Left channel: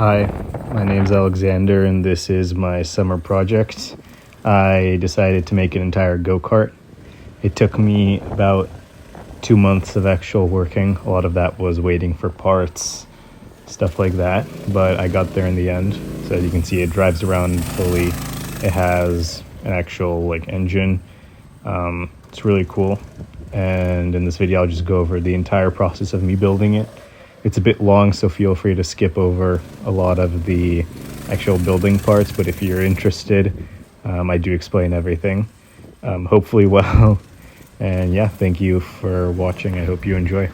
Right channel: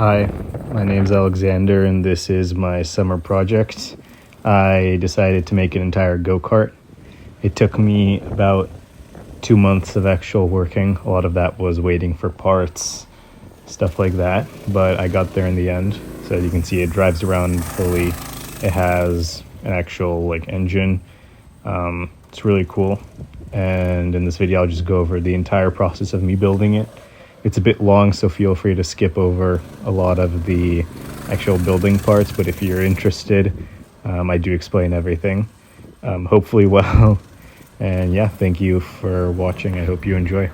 Hi, my name's Alexander and this is my summer project. I decided to make an entire go-kart. It took me about 2 months of actual working. A lot of that was waiting for parts, stuff like that, but I got there in the end. So as you can see, it drives around fully. It has an actual engine. It's really cool. And in this video, I'll just go over the entire process of me building it. It's a bit long, so feel free to skip over a lot of the actual building parts, but if you're interested, I do explain everything, hopefully well. And yeah, thank you for watching. I hope you enjoy.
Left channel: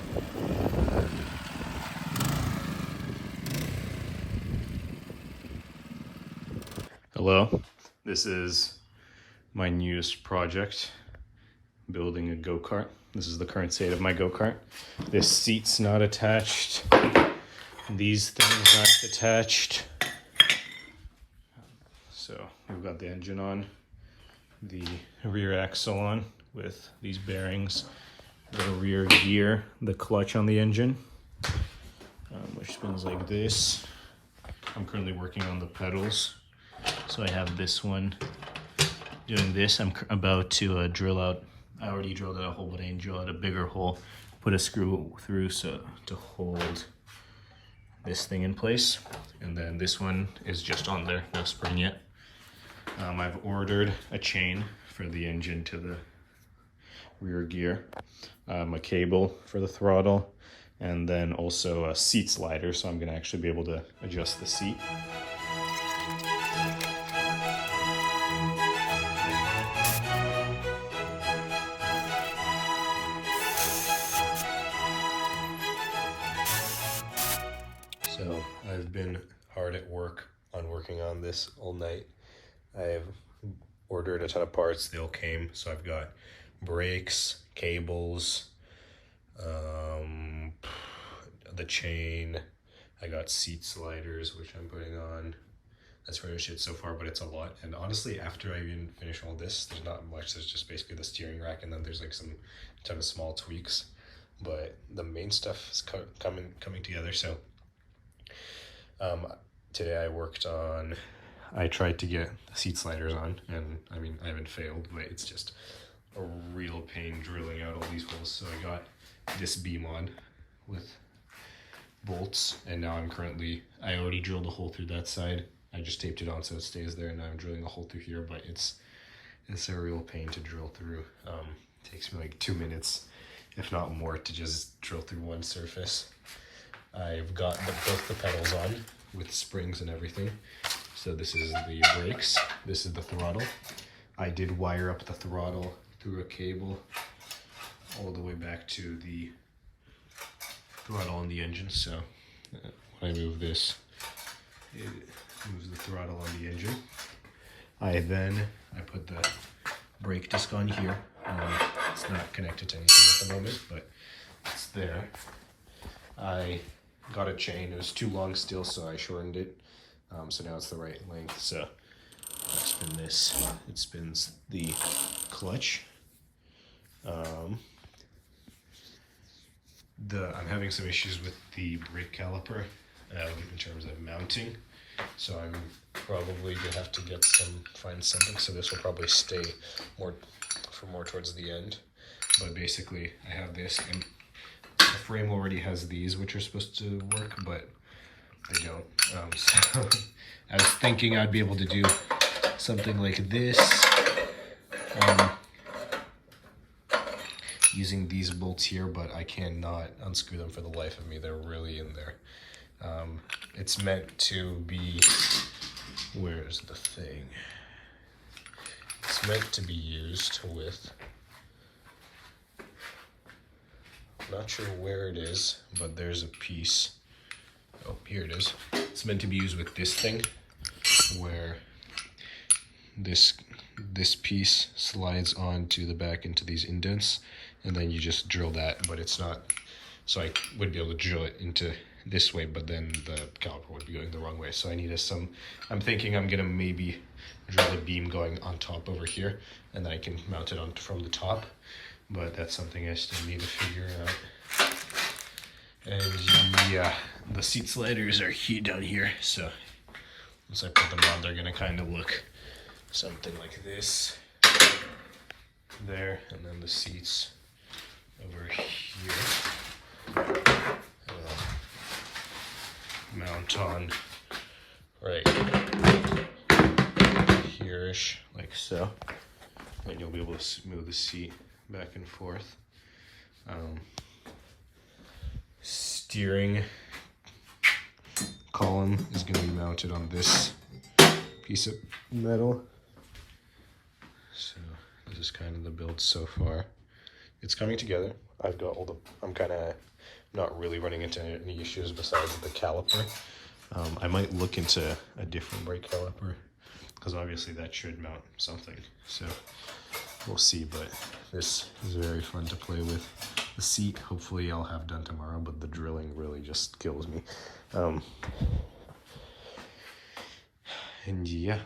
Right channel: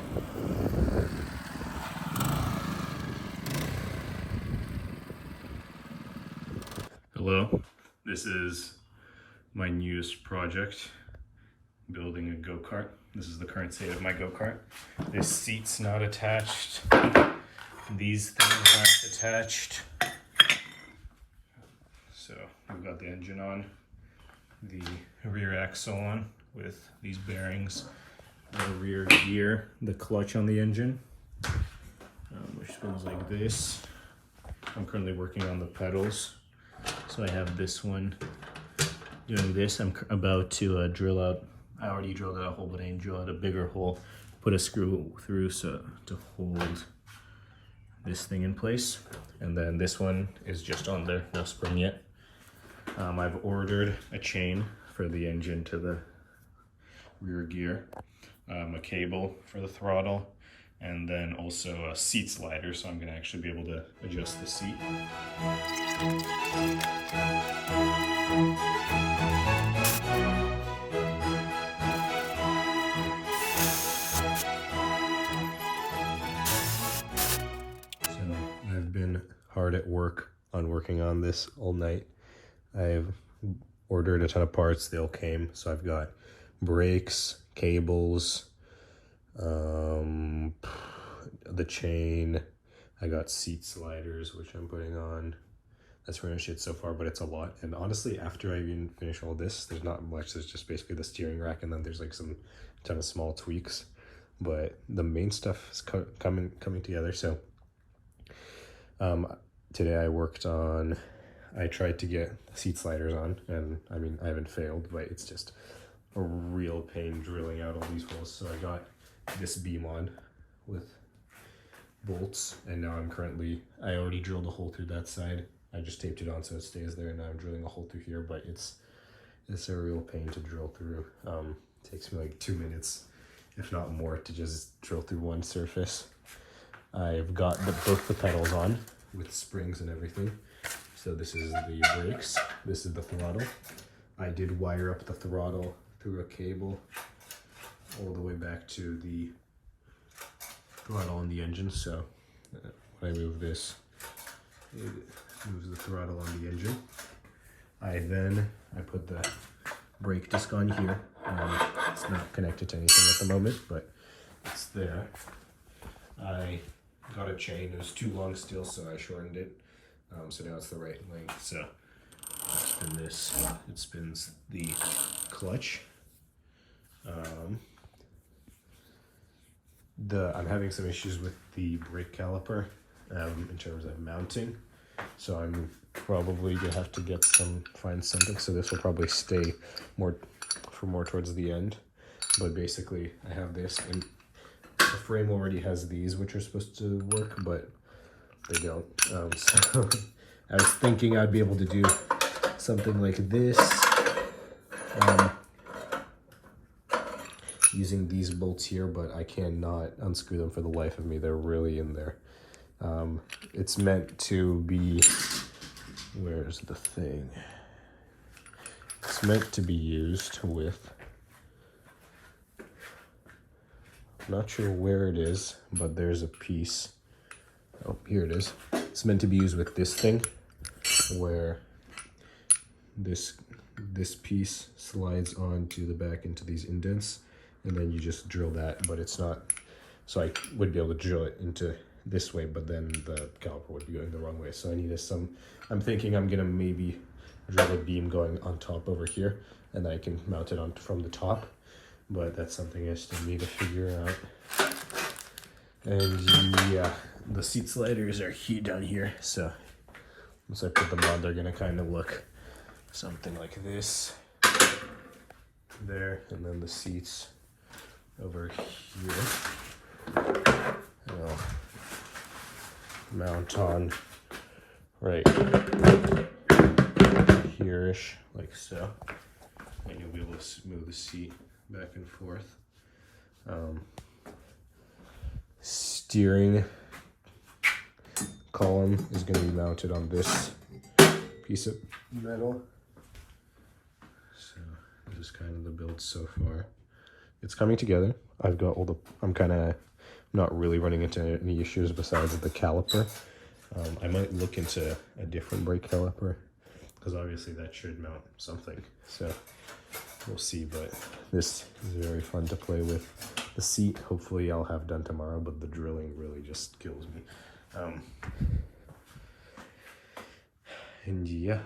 Hello, this is my newest project, building a go-kart. This is the current state of my go-kart. This seat's not attached. These things aren't attached. So we've got the engine on, the rear axle on with these bearings, the rear gear, the clutch on the engine, which spins like this. I'm currently working on the pedals. So I have this one doing this. I'm about to drill out, I already drilled out a hole, but I didn't drill out a bigger hole, put a screw through so to hold this thing in place. And then this one is just on there, no spring yet. I've ordered a chain for the engine to the rear gear, a cable for the throttle, and then also a seat slider, so I'm gonna actually be able to adjust the seat. So I've been hard at work on working on this all night. I've ordered a ton of parts, they all came. So I've got brakes, cables, the chain, I got seat sliders, which I'm putting on. That's pretty much it so far, but it's a lot. And honestly, after I even finish all this, there's not much. There's just basically the steering rack, and then there's like some ton of small tweaks. But the main stuff is coming together. So today I tried to get seat sliders on, and I mean, I haven't failed, but it's just a real pain drilling out all these holes. So I got this beam on with bolts, and now I already drilled a hole through that side. I just taped it on so it stays there, and now I'm drilling a hole through here, but it's a real pain to drill through. It takes me like 2 minutes, if not more, to just drill through one surface. I've got both the pedals on with springs and everything. So this is the brakes, this is the throttle. I did wire up the throttle through a cable all the way back to the throttle on the engine. So when I move this, it moves the throttle on the engine. I put the brake disc on here. It's not connected to anything at the moment, but it's there. I got a chain. It was too long still, so I shortened it. So now it's the right length. So I spin this. It spins the clutch. I'm having some issues with the brake caliper in terms of mounting. So I'm probably gonna have to find something. So this will probably stay more towards the end. But basically, I have this, and the frame already has these, which are supposed to work, but they don't. So I was thinking I'd be able to do something like this, using these bolts here, but I cannot unscrew them for the life of me. They're really in there. It's meant to be, where's the thing? It's meant to be used with, not sure where it is, but there's a piece. Oh, here it is. It's meant to be used with this thing, where this piece slides onto the back into these indents, and then you just drill that, but it's not, so I would be able to drill it into this way, but then the caliper would be going the wrong way. So I need I'm thinking I'm gonna maybe drill a beam going on top over here, and then I can mount it on from the top, but that's something I still need to figure out. And yeah, the seat sliders are down here, so once I put them on, they're gonna kind of look something like this. There, and then the seats over here. And I'll mount on right here-ish, like so. And you'll be able to move the seat back and forth. Steering column is going to be mounted on this piece of metal. So this is kind of the build so far. It's coming together. I've got all the, I'm kind of not really running into any issues besides the caliper. I might look into a different brake caliper because obviously that should mount something. So we'll see, but this is very fun to play with. The seat, hopefully I'll have done tomorrow, but the drilling really just kills me. And yeah.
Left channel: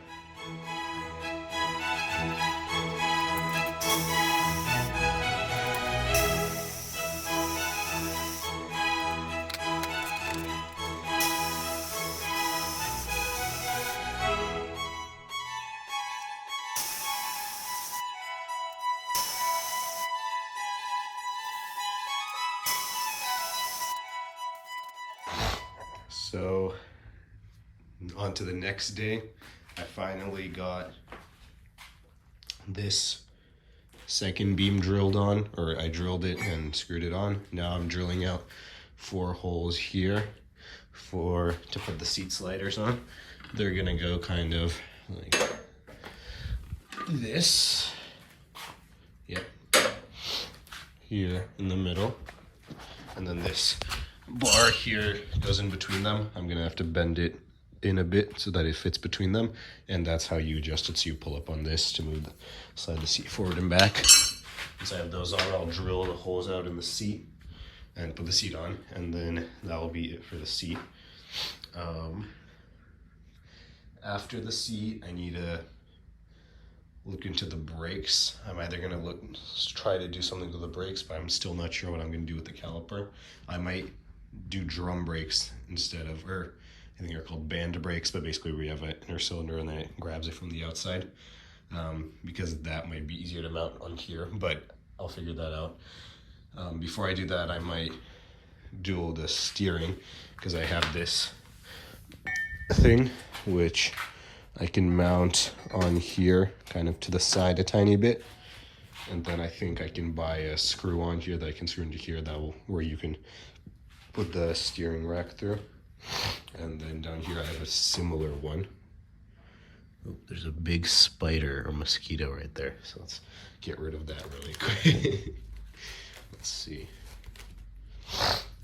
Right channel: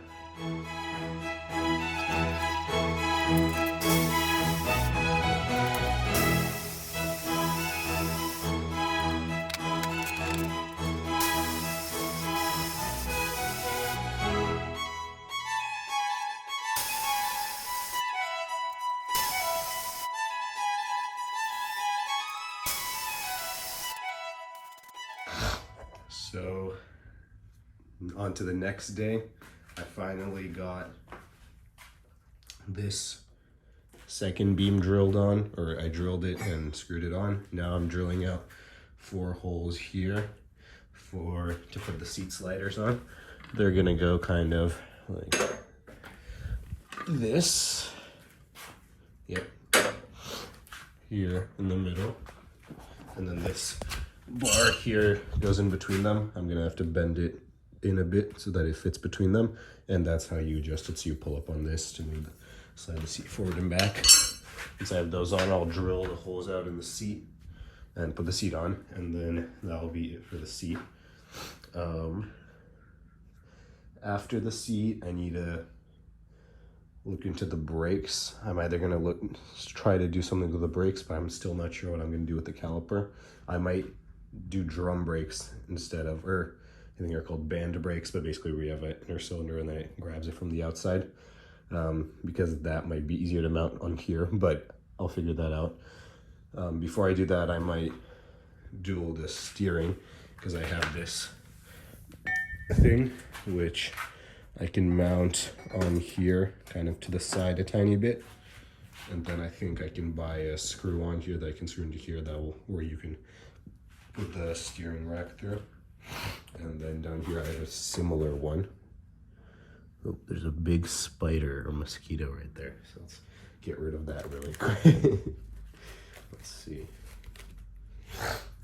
So on to the next day. I finally got this second beam drilled on, or I drilled it and screwed it on. Now I'm drilling out 4 holes here to put the seat sliders on. They're gonna go kind of like this. Yep. Here in the middle. And then this bar here goes in between them. I'm gonna have to bend it in a bit so that it fits between them, and that's how you adjust it. So you pull up on this to move slide the seat forward and back. Once I have those on, I'll drill the holes out in the seat and put the seat on, and then that will be it for the seat. After the seat, I need to look into the brakes. I'm either gonna try to do something with the brakes, but I'm still not sure what I'm gonna do with the caliper. I might do drum brakes instead of, or I think they're called band brakes, but basically we have an inner cylinder and then it grabs it from the outside, because that might be easier to mount on here, but I'll figure that out. Before I do that, I might dual the steering, because I have this thing which I can mount on here kind of to the side a tiny bit, and then I think I can buy a screw on here that I can screw into here where you can put the steering rack through. And then down here I have a similar one. Oh, there's a big spider or mosquito right there, so let's get rid of that really quick. Let's see.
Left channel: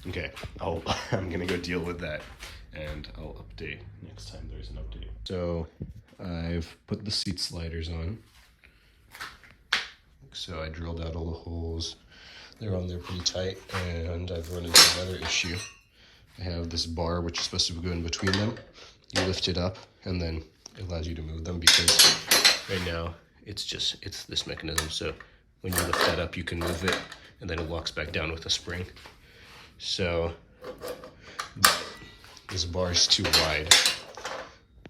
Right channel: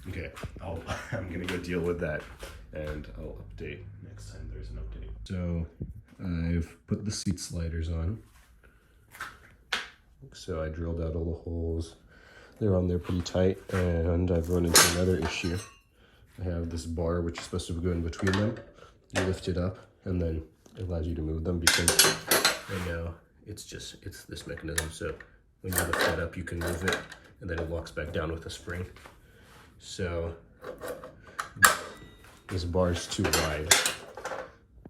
Okay, I'm gonna go deal with that, and I'll update next time there's an update. So I've put the seat sliders on. So I drilled out all the holes. They're on there pretty tight, and I've run into another issue. I have this bar which is supposed to go in between them. You lift it up, and then it allows you to move them, because right now it's this mechanism. So when you lift that up, you can move it, and then it locks back down with a spring. So this bar is too wide,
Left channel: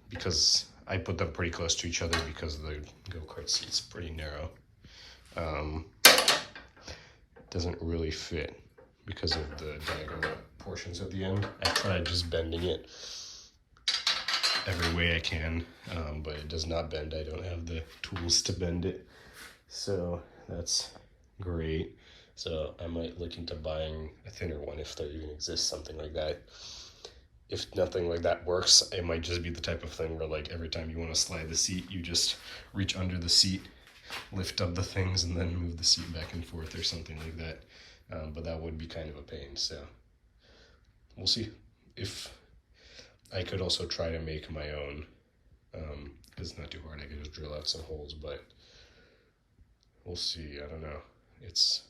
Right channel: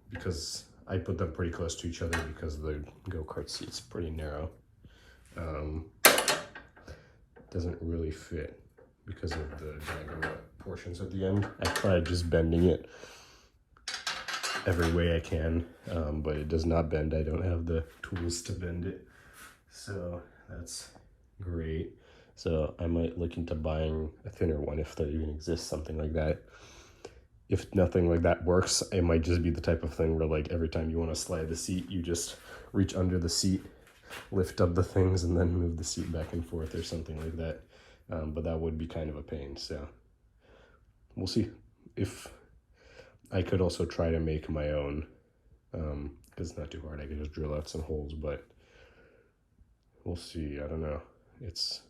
because I put them pretty close to each other because the go-kart seat's pretty narrow. Doesn't really fit because of the diagonal portions at the end. I tried just bending it every way I can, but it does not bend. I don't have the tools to bend it, so that's great. So I might look into buying a thinner one if there even exists something like that. If nothing like that works, it might just be the type of thing where, like, every time you want to slide the seat, you just reach under the seat, lift up the things, and then move the seat back and forth or something like that. But that would be kind of a pain, so we'll see. If I could also try to make my own, because it's not too hard. I could just drill out some holes, but we'll see. I don't know. It's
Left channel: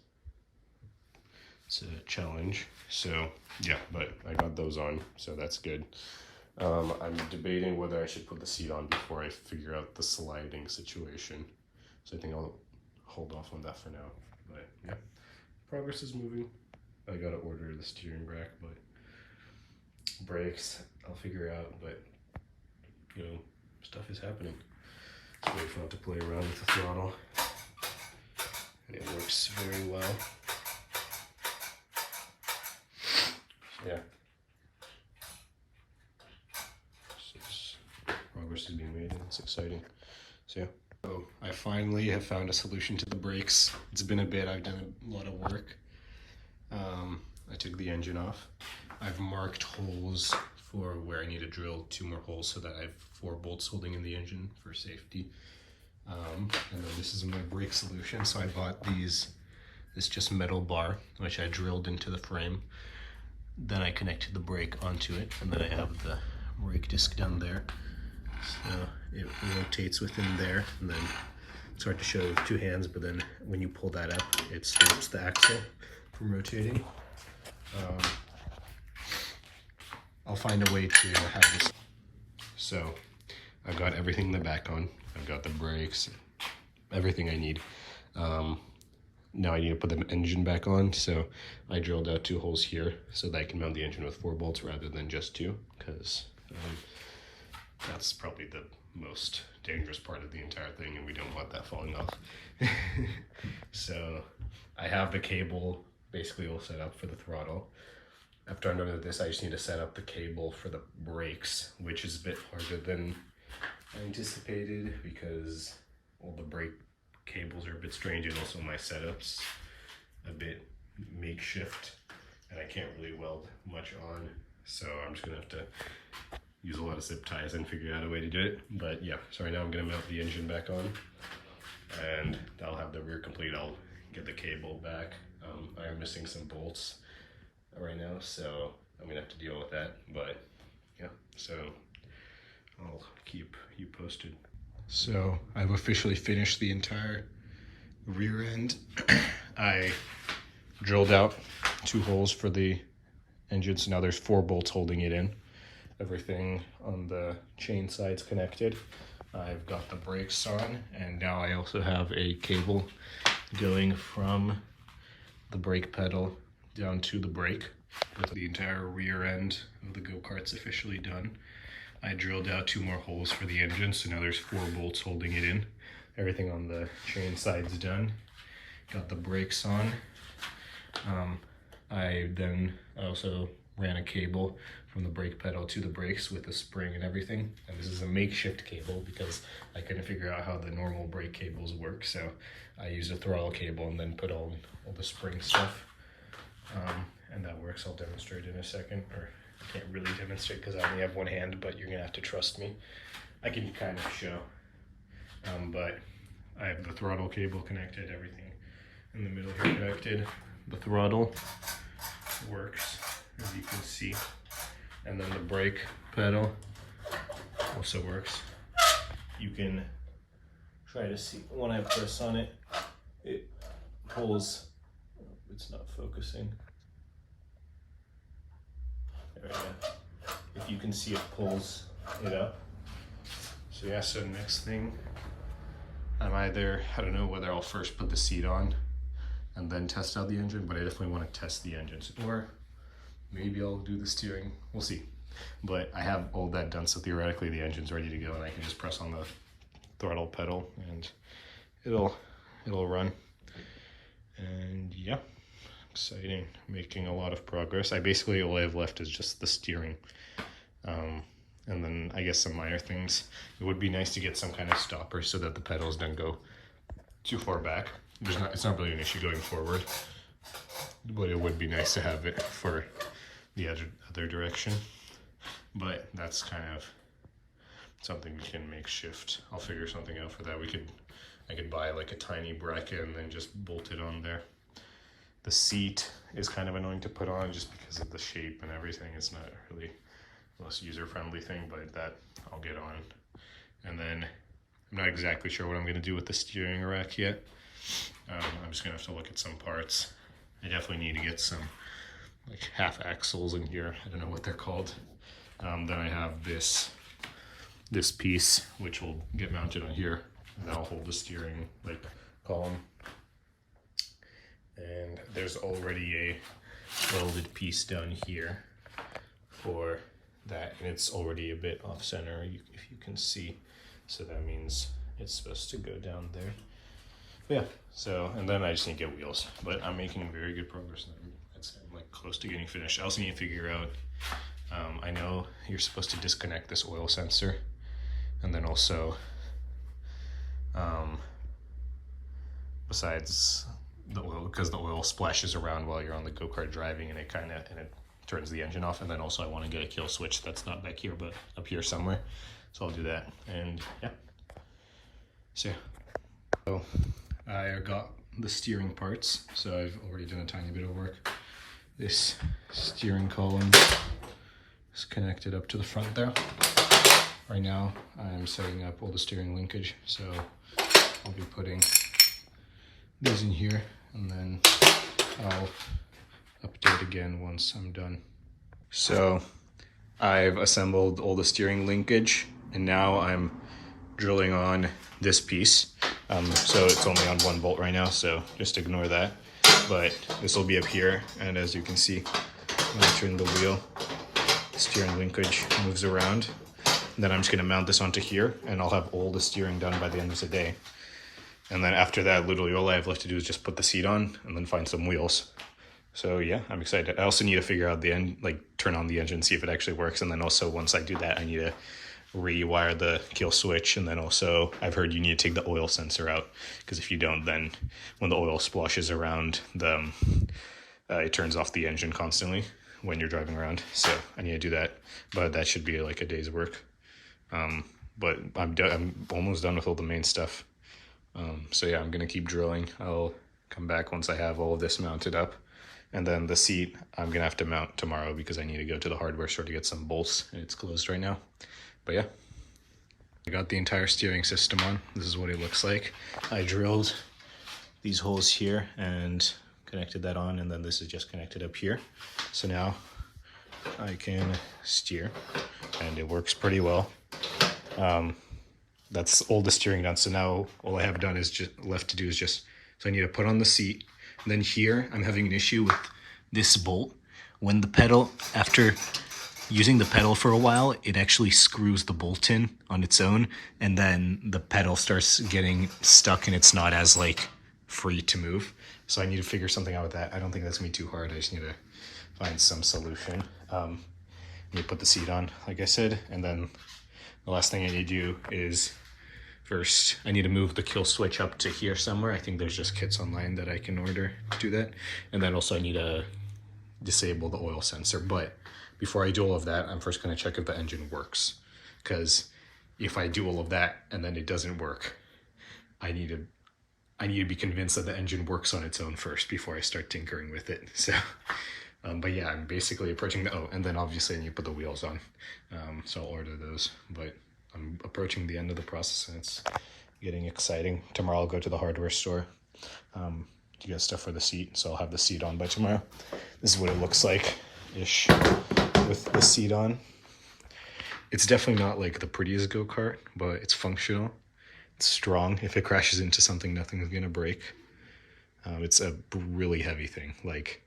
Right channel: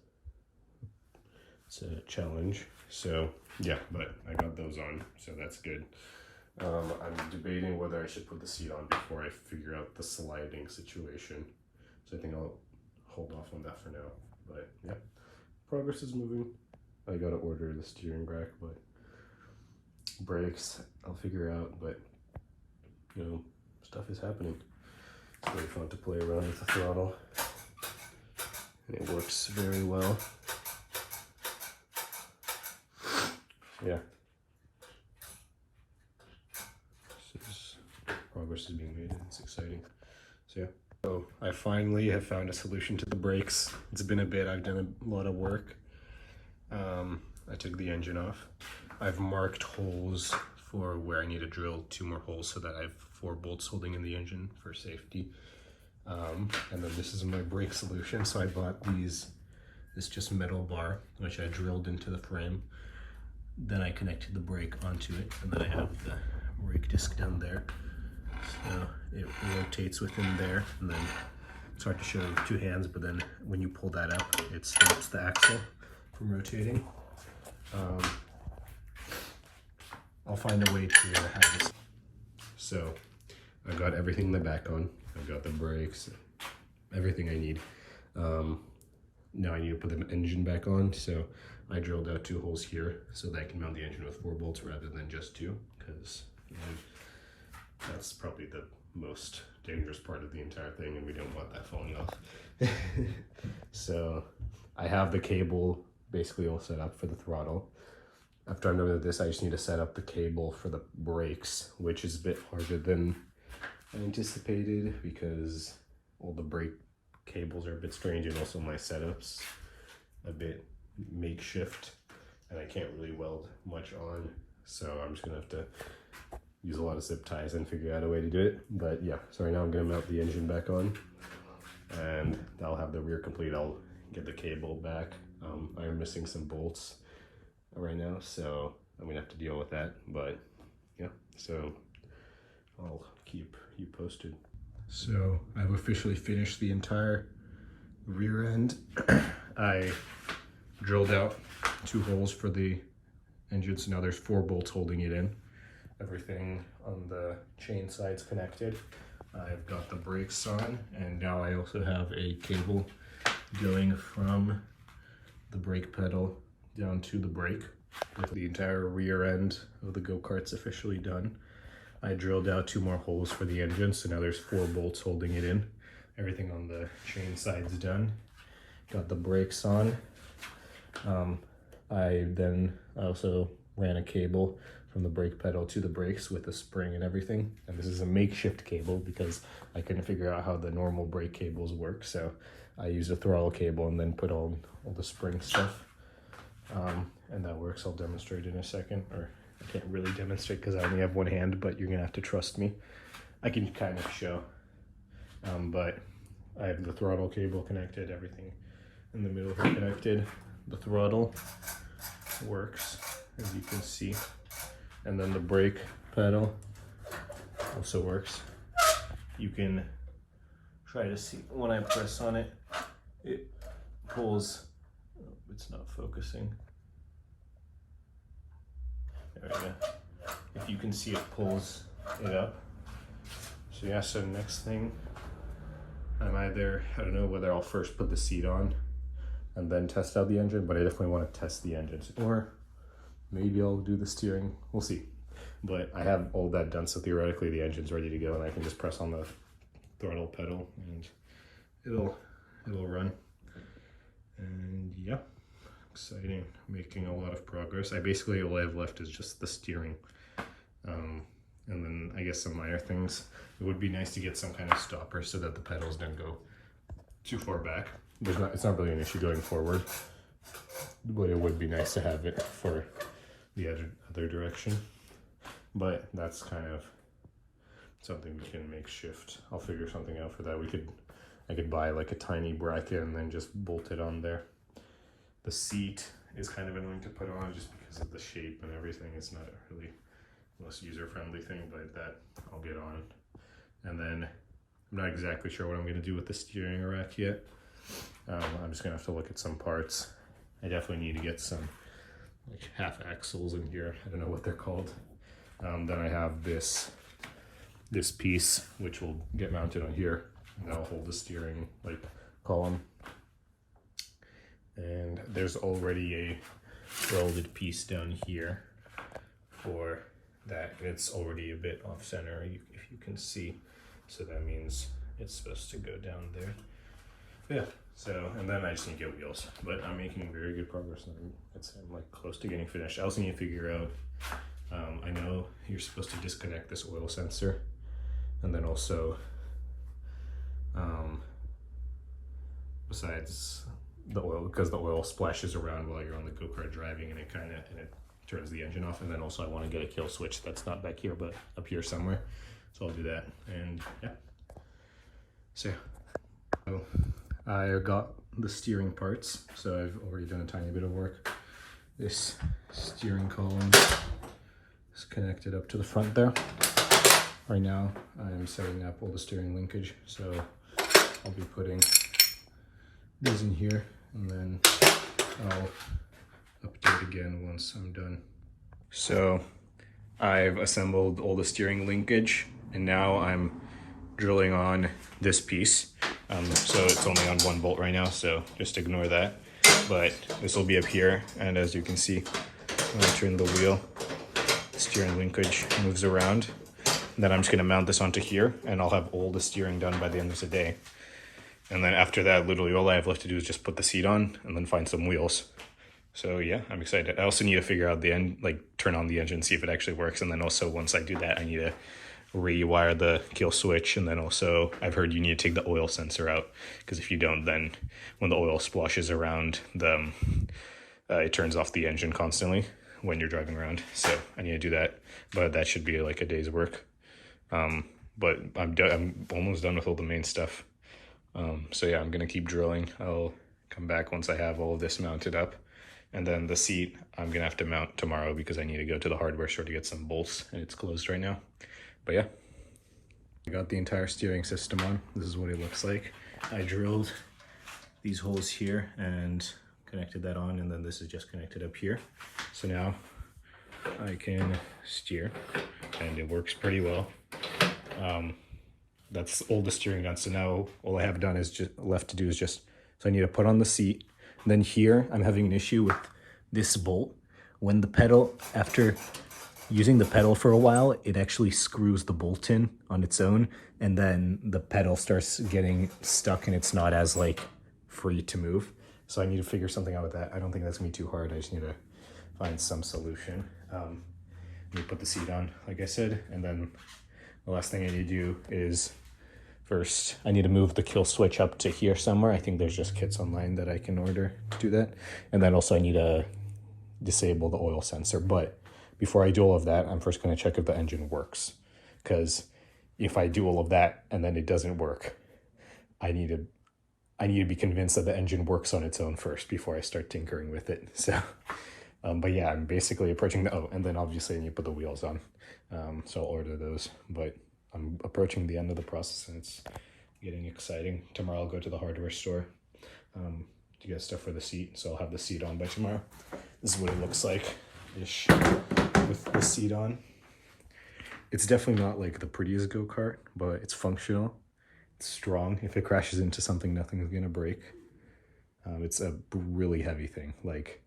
a challenge. So yeah, but I got those on, so that's good. I'm debating whether I should put the seat on before I figure out the sliding situation. So I think I'll hold off on that for now. But yeah, progress is moving. I gotta order the steering rack, but brakes I'll figure out. But you know, stuff is happening. It's really fun to play around with the throttle. It works very well. Yeah. Progress is being made and it's exciting. So yeah. So I finally have found a solution to the brakes. It's been a bit, I've done a lot of work. I took the engine off. I've marked holes for where I need to drill 2 more holes so that I have 4 bolts holding in the engine for safety. And then this is my brake solution. So I bought this just metal bar, which I drilled into the frame. Then I connected the brake onto it, and then I have the brake disc down there. So it rotates within there, and then it's hard to show with 2 hands, but then when you pull that up, it stops the axle from rotating. I'll find a way to have this. So I've got everything in the back on. I've got the brakes, everything I need. Now I need to put the engine back on, so I drilled out 2 holes here so that I can mount the engine with 4 bolts rather than just 2, because that's probably the most dangerous part of the entire thing, and we don't want that falling off. So I have the cable basically all set up for the throttle. After I'm done with this, I just need to set up the cable for the brakes, which is a bit harder than I anticipated because all the brake cables are a bit strange, and also my setup's a bit makeshift and I can't really weld much on, so I'm just gonna have to use a lot of zip ties and figure out a way to do it. But yeah, so right now I'm gonna mount the engine back on and I'll have the rear complete. I'll get the cable back. I am missing some bolts right now, so I'm gonna have to deal with that, but yeah, so I'll keep you posted. So I've officially finished the entire rear end. I drilled out 2 holes for the engine, so now there's 4 bolts holding it in. Everything on the chain side's connected. I've got the brakes on, and now I also have a cable going from the brake pedal down to the brake. With the entire rear end of the go-kart's officially done. I drilled out 2 more holes for the engine, so now there's 4 bolts holding it in. Everything on the chain side's done. Got the brakes on. I also ran a cable from the brake pedal to the brakes with a spring and everything. And this is a makeshift cable because I couldn't figure out how the normal brake cables work, so I used a throttle cable and then put on all the spring stuff. And that works. I'll demonstrate in a second, or I can't really demonstrate because I only have 1 hand, but you're gonna have to trust me. I can kind of show, but I have the throttle cable connected, everything in the middle here connected. The throttle works, as you can see, and then the brake pedal also works. You can try to see when I press on it, it pulls. It's not focusing. There we go. If you can see, it pulls it up. So yeah, so next thing, I don't know whether I'll first put the seat on and then test out the engine, but I definitely want to test the engines, or maybe I'll do the steering, we'll see. But I have all that done, so theoretically the engine's ready to go, and I can just press on the throttle pedal and it'll run. And yeah, exciting, making a lot of progress. Basically all I have left is just the steering, and then I guess some minor things. It would be nice to get some kind of stopper so that the pedals don't go too far back. It's not really an issue going forward, but it would be nice to have it for the other direction. But that's kind of something we can make shift. I'll figure something out for that. I could buy like a tiny bracket and then just bolt it on there. The seat is kind of annoying to put on just because of the shape and everything. It's not really the most user-friendly thing, but that I'll get on. And then I'm not exactly sure what I'm going to do with the steering rack yet. I'm just going to have to look at some parts. I definitely need to get some like half axles in here. I don't know what they're called. Then I have this piece which will get mounted on here, and that'll hold the steering like column. And there's already welded piece down here for that, and it's already a bit off center, if you can see. So that means it's supposed to go down there. But yeah, so, and then I just need to get wheels, but I'm making very good progress. I'm like close to getting finished. I also need to figure out, I know you're supposed to disconnect this oil sensor, and then also, besides the oil, because the oil splashes around while you're on the go-kart driving, and it turns the engine off. And then also I want to get a kill switch that's not back here but up here somewhere, so I'll do that. And yeah, so I got the steering parts, so I've already done a tiny bit of work. This steering column is connected up to the front there. Right now I'm setting up all the steering linkage, so I'll be putting these in here, and then I'll update again once I'm done. So I've assembled all the steering linkage, and now I'm drilling on this piece. So it's only on one bolt right now, so just ignore that. But this will be up here, and as you can see, when I turn the wheel, the steering linkage moves around. And then I'm just gonna mount this onto here, and I'll have all the steering done by the end of the day. And then after that, literally all I have left to do is just put the seat on and then find some wheels. So yeah, I'm excited. I also need to figure out the end, like turn on the engine, see if it actually works. And then also once I do that, I need to rewire the kill switch. And then also I've heard you need to take the oil sensor out, because if you don't, then when the oil splashes around, it turns off the engine constantly when you're driving around. So I need to do that, but that should be like a day's work. But I'm almost done with all the main stuff. So yeah, I'm gonna keep drilling. I'll come back once I have all of this mounted up. And then the seat, I'm gonna have to mount tomorrow because I need to go to the hardware store to get some bolts, and it's closed right now. But yeah, I got the entire steering system on. This is what it looks like. I drilled these holes here and connected that on, and then this is just connected up here. So now I can steer, and it works pretty well. That's all the steering done. So now all I have done is just left to do is just, so I need to put on the seat. And then here I'm having an issue with this bolt. When the pedal, after using the pedal for a while, it actually screws the bolt in on its own, and then the pedal starts getting stuck and it's not as like free to move. So I need to figure something out with that. I don't think that's gonna be too hard. I just need to find some solution. Let me put the seat on, like I said, and then the last thing I need to do is, first, I need to move the kill switch up to here somewhere. I think there's just kits online that I can order to do that. And then also I need to disable the oil sensor. But before I do all of that, I'm first gonna check if the engine works. Because if I do all of that and then it doesn't work, I need to be convinced that the engine works on its own first before I start tinkering with it. So, but yeah, I'm basically approaching and then obviously I need to put the wheels on. So I'll order those, but I'm approaching the end of the process and it's getting exciting. Tomorrow I'll go to the hardware store to get stuff for the seat, so I'll have the seat on by tomorrow. This is what it looks like-ish with the seat on. It's definitely not like the prettiest go-kart, but it's functional. It's strong. If it crashes into something, nothing's gonna break. It's a really heavy thing. Like,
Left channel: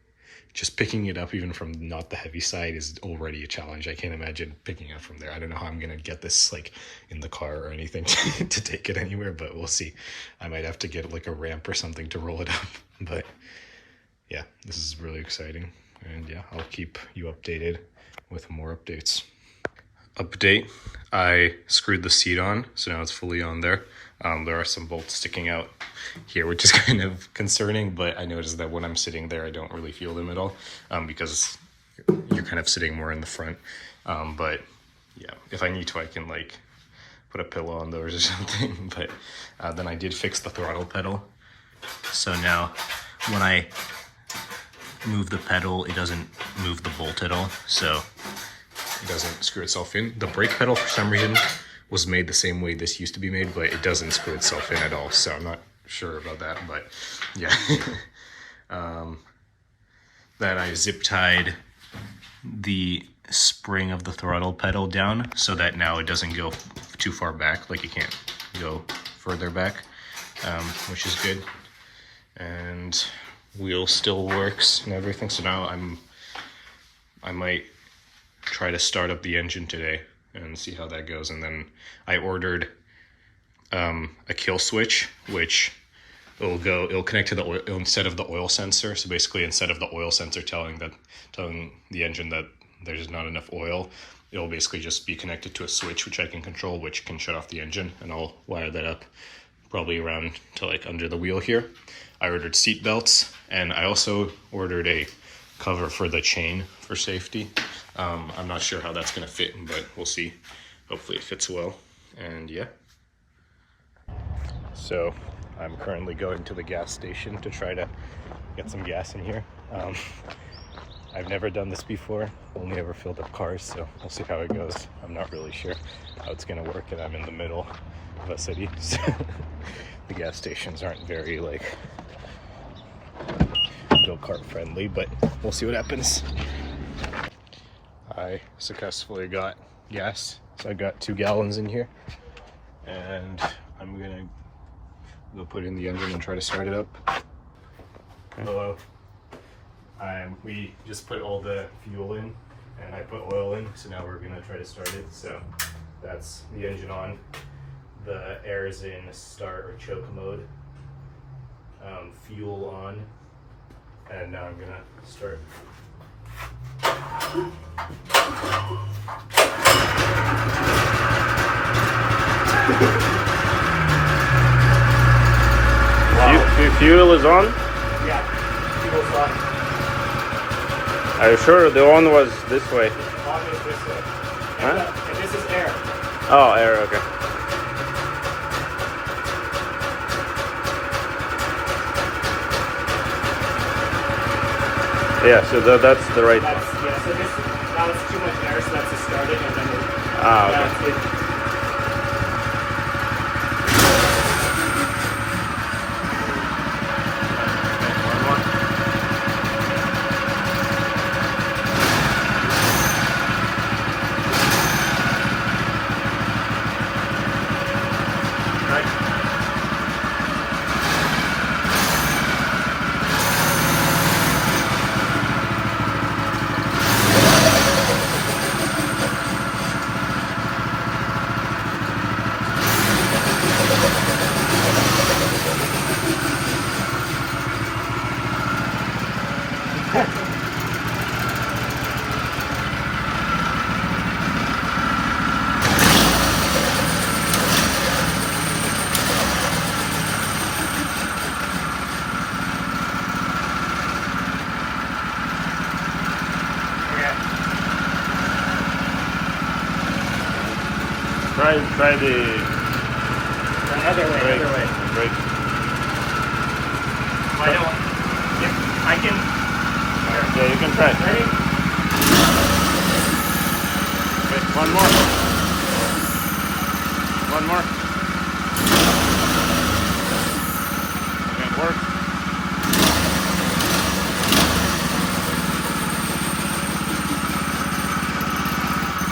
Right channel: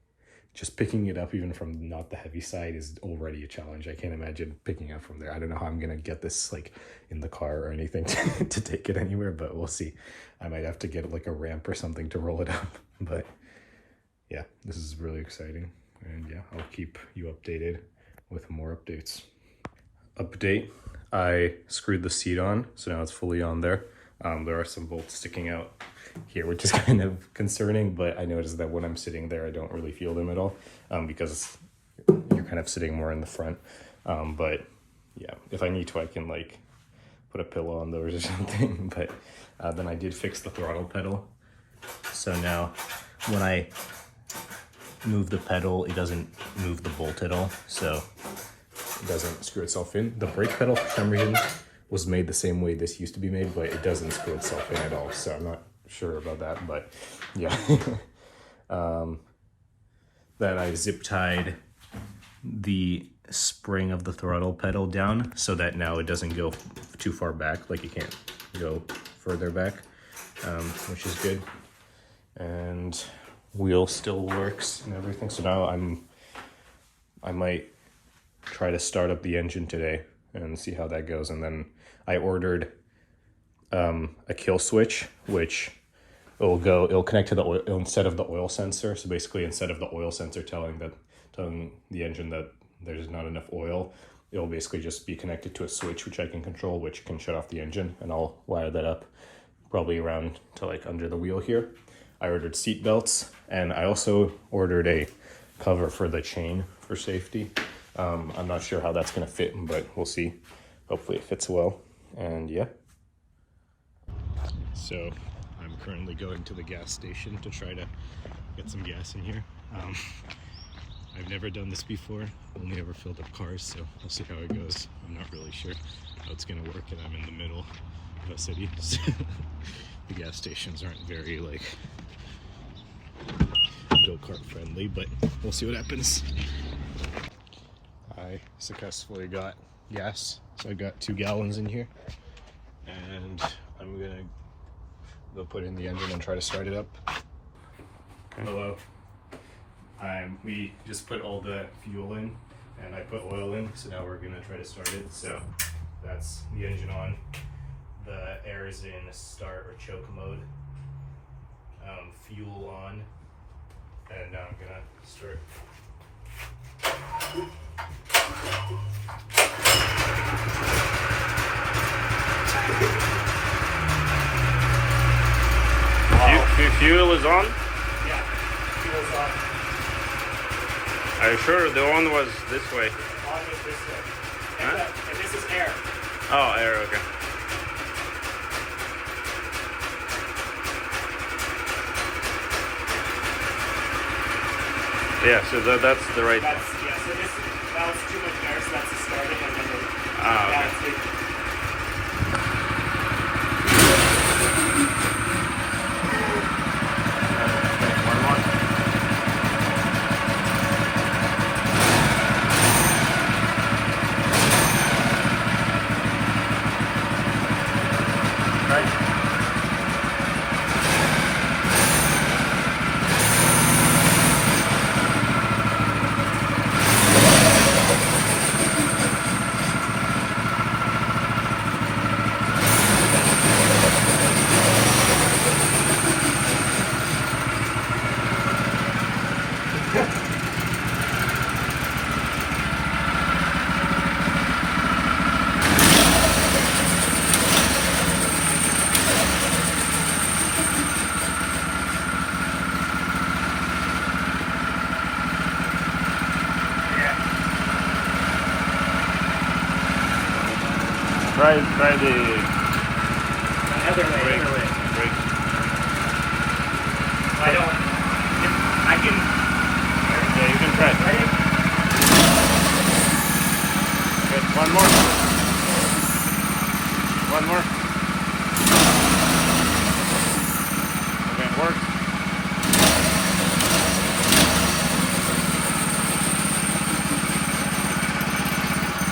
just picking it up even from not the heavy side is already a challenge. I can't imagine picking it up from there. I don't know how I'm gonna get this like in the car or anything to take it anywhere, but we'll see. I might have to get like a ramp or something to roll it up. But yeah, this is really exciting. And yeah, I'll keep you updated with more updates. Update, I screwed the seat on, so now it's fully on there. There are some bolts sticking out here, which is kind of concerning, but I noticed that when I'm sitting there, I don't really feel them at all, because you're kind of sitting more in the front. But yeah, if I need to, I can like put a pillow on those or something. But then I did fix the throttle pedal. So now when I move the pedal, it doesn't move the bolt at all. So it doesn't screw itself in. The brake pedal, for some reason, was made the same way this used to be made, but it doesn't screw itself in at all. So I'm not sure about that, but yeah. Then I zip tied the spring of the throttle pedal down so that now it doesn't go too far back, like it can't go further back, which is good. And wheel still works and everything. So now I might try to start up the engine today and see how that goes. And then I ordered a kill switch, which it'll connect to the oil instead of the oil sensor. So basically, instead of the oil sensor telling the engine that there's not enough oil, it'll basically just be connected to a switch which I can control, which can shut off the engine, and I'll wire that up probably around to like under the wheel here. I ordered seat belts, and I also ordered a cover for the chain for safety. I'm not sure how that's gonna fit, but we'll see. Hopefully it fits well, and yeah. So I'm currently going to the gas station to try to get some gas in here. I've never done this before, only ever filled up cars, so we'll see how it goes. I'm not really sure how it's gonna work, and I'm in the middle of a city, so the gas stations aren't very like go-kart friendly, but we'll see what happens. I successfully got gas, so I got 2 gallons in here, and I'm gonna go put in the engine and try to start it up. Okay. Hello. We just put all the fuel in, and I put oil in, so now we're gonna try to start it. So that's the engine on. The air is in start or choke mode. Fuel on, and now I'm gonna start. Wow. Fuel is on? Yeah, fuel's on. Are you sure the on was this way? On is this way. Huh? And this is air. Oh, air, okay. Yeah, so that's the right one. Yeah, so this, that was too much air, so that's to start it, and then okay. One more. Right. Try the brake. I can. Okay, you can try. Okay, one more. One more. Okay, work.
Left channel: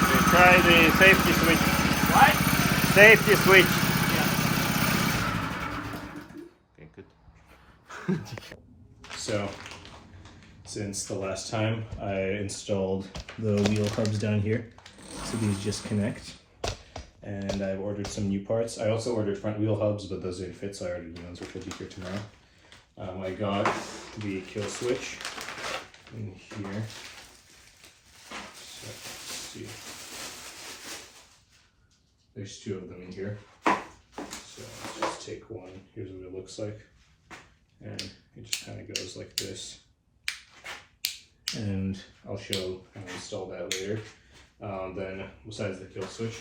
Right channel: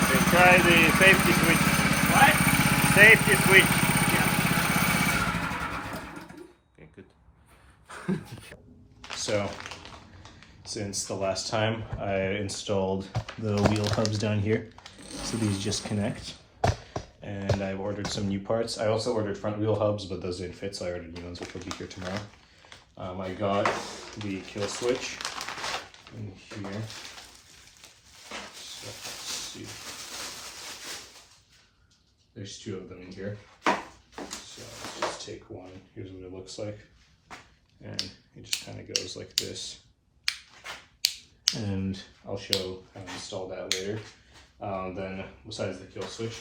Okay, try the safety switch. What? Safety switch. Okay, good. So, since the last time, I installed the wheel hubs down here. So these just connect. And I've ordered some new parts. I also ordered front wheel hubs, but those didn't fit, so I ordered new ones, which will be here tomorrow. I got the kill switch in here. So, let's see. There's 2 of them in here. So I'll just take one. Here's what it looks like. And it just kind of goes like this. And I'll show how to install that later. Then besides the kill switch,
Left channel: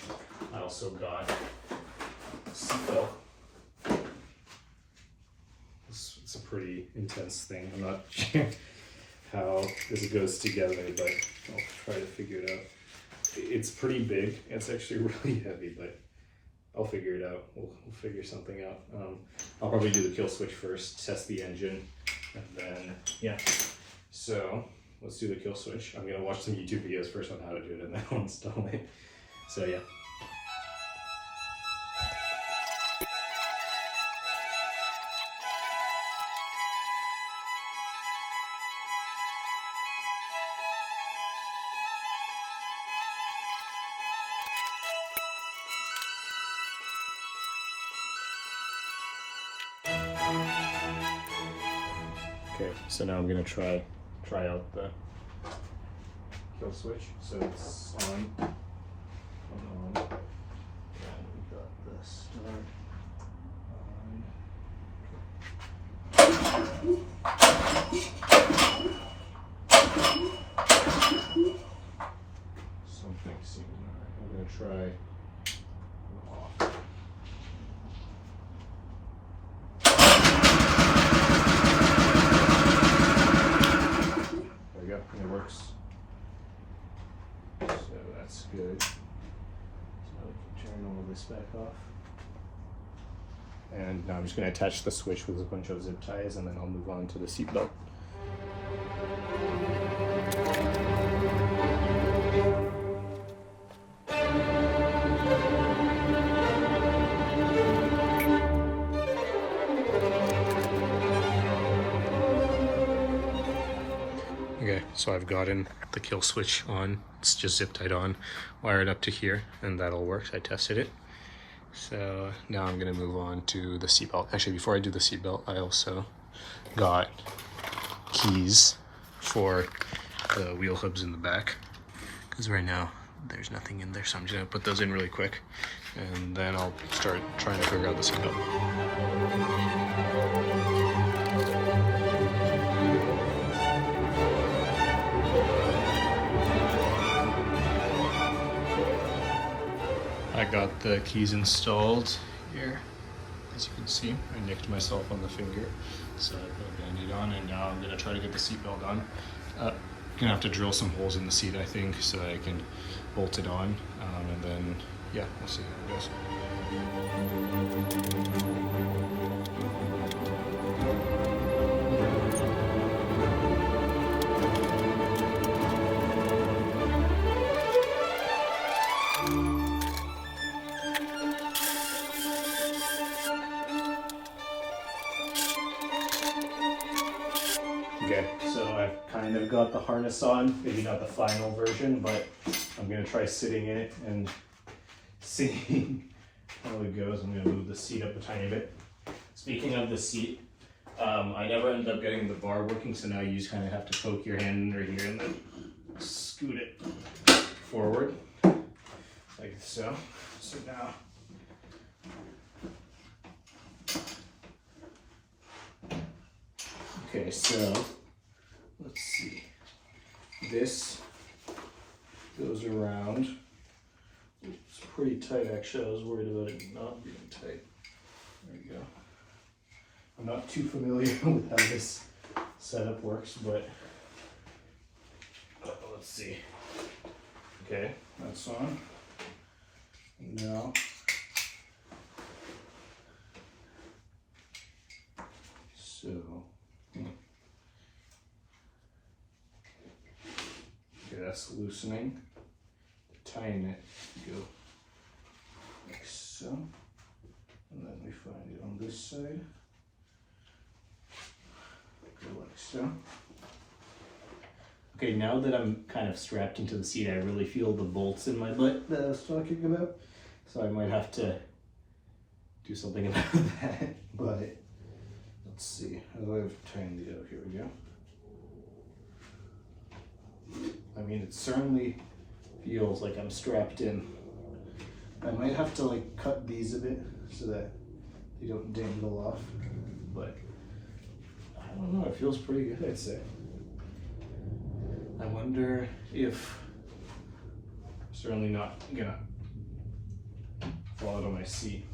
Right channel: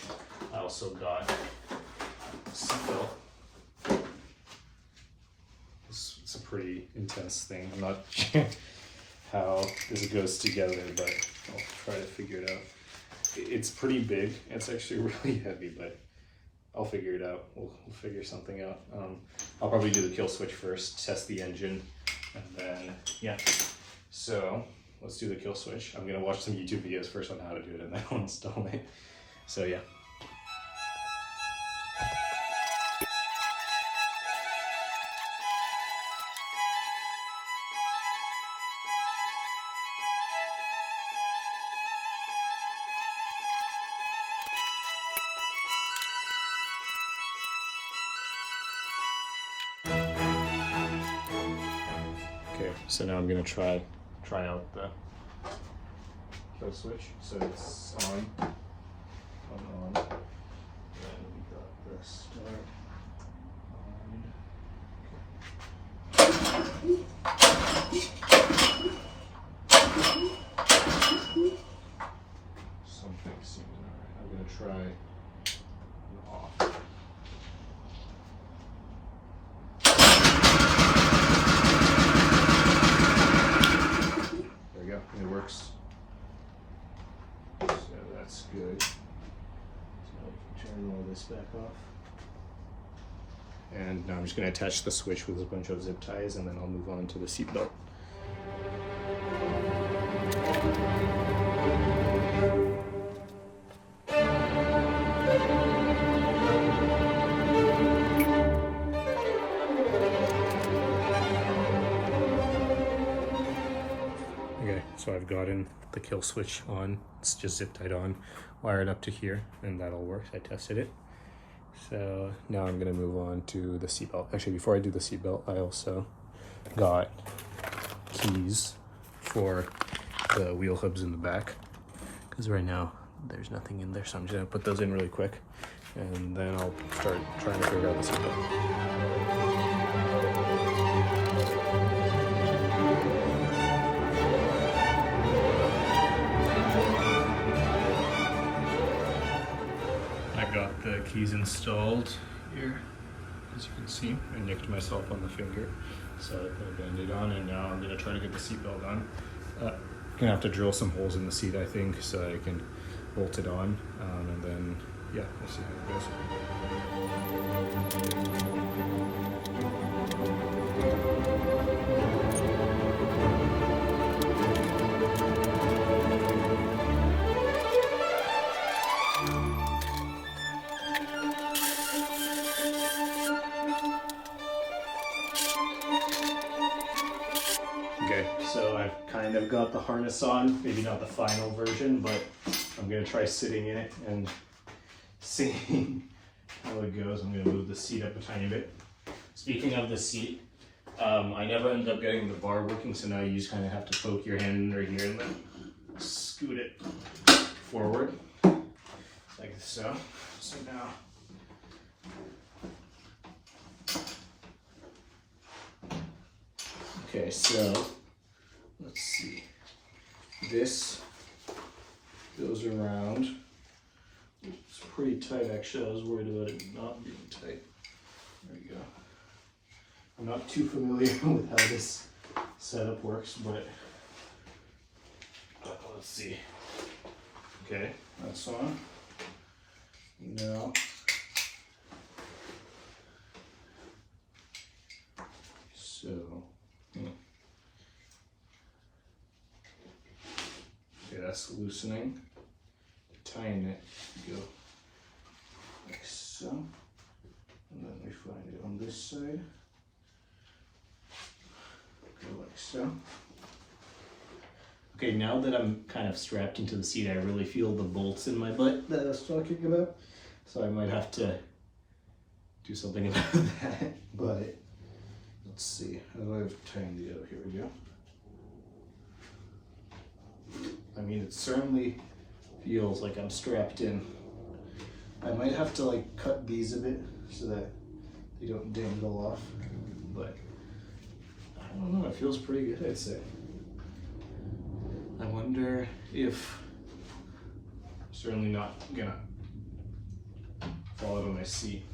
I also got a seatbelt. It's a pretty intense thing. I'm not sure how this goes together, but I'll try to figure it out. It's pretty big. It's actually really heavy, but I'll figure it out. We'll figure something out. I'll probably do the kill switch first, test the engine, and then, yeah. So let's do the kill switch. I'm gonna watch some YouTube videos first on how to do it, and then I'll install it. So yeah. Okay, so now I'm gonna try out the kill switch. So it's on, and we got the start on. Something seems alright. I'm gonna try off. There we go, and it works. So that's good. So now we can turn all this back off. And now I'm just going to attach the switch with a bunch of zip ties, and then I'll move on to the seat belt. Okay, so I've gotten the kill switch on. It's just zip tied on, wired up to here, and that all works. I tested it. So now I'm gonna move on to the seatbelt. Actually, before I do the seatbelt, I also got keys for the wheel hubs in the back, because right now there's nothing in there, so I'm just gonna put those in really quick, and then I'll start trying to figure out the seatbelt. I got the keys installed here. As you can see, I nicked myself on the finger, so I put a band-aid on, and now I'm gonna try to get the seatbelt on. Gonna have to drill some holes in the seat, I think, so I can bolt it on, and then, yeah, we'll see how it goes. Okay, so I've kind of got the harness on, maybe not the final version, but I'm gonna try sitting in it and seeing how it goes. I'm gonna move the seat up a tiny bit. Speaking of the seat, I never ended up getting the bar working, so now you just kind of have to poke your hand right here and then scoot it forward, like so. So now, okay, so let's see. This goes around. It's pretty tight, actually. I was worried about it not being tight. There we go. I'm not too familiar with how this setup works, but let's see. Okay, that's on. Now, so, okay, that's loosening. Tying it, go like so, and then we find it on this side. Go like so. Okay, now that I'm kind of strapped into the seat, I really feel the bolts in my butt that I was talking about. So I might have to do something about that. But let's see, how do I have tightened it out? Here we go. I mean, it certainly feels like I'm strapped in. I might have to like cut these a bit so that they don't dangle off. But I don't know, it feels pretty good, I'd say. I wonder if I'm certainly not gonna fall out of my seat.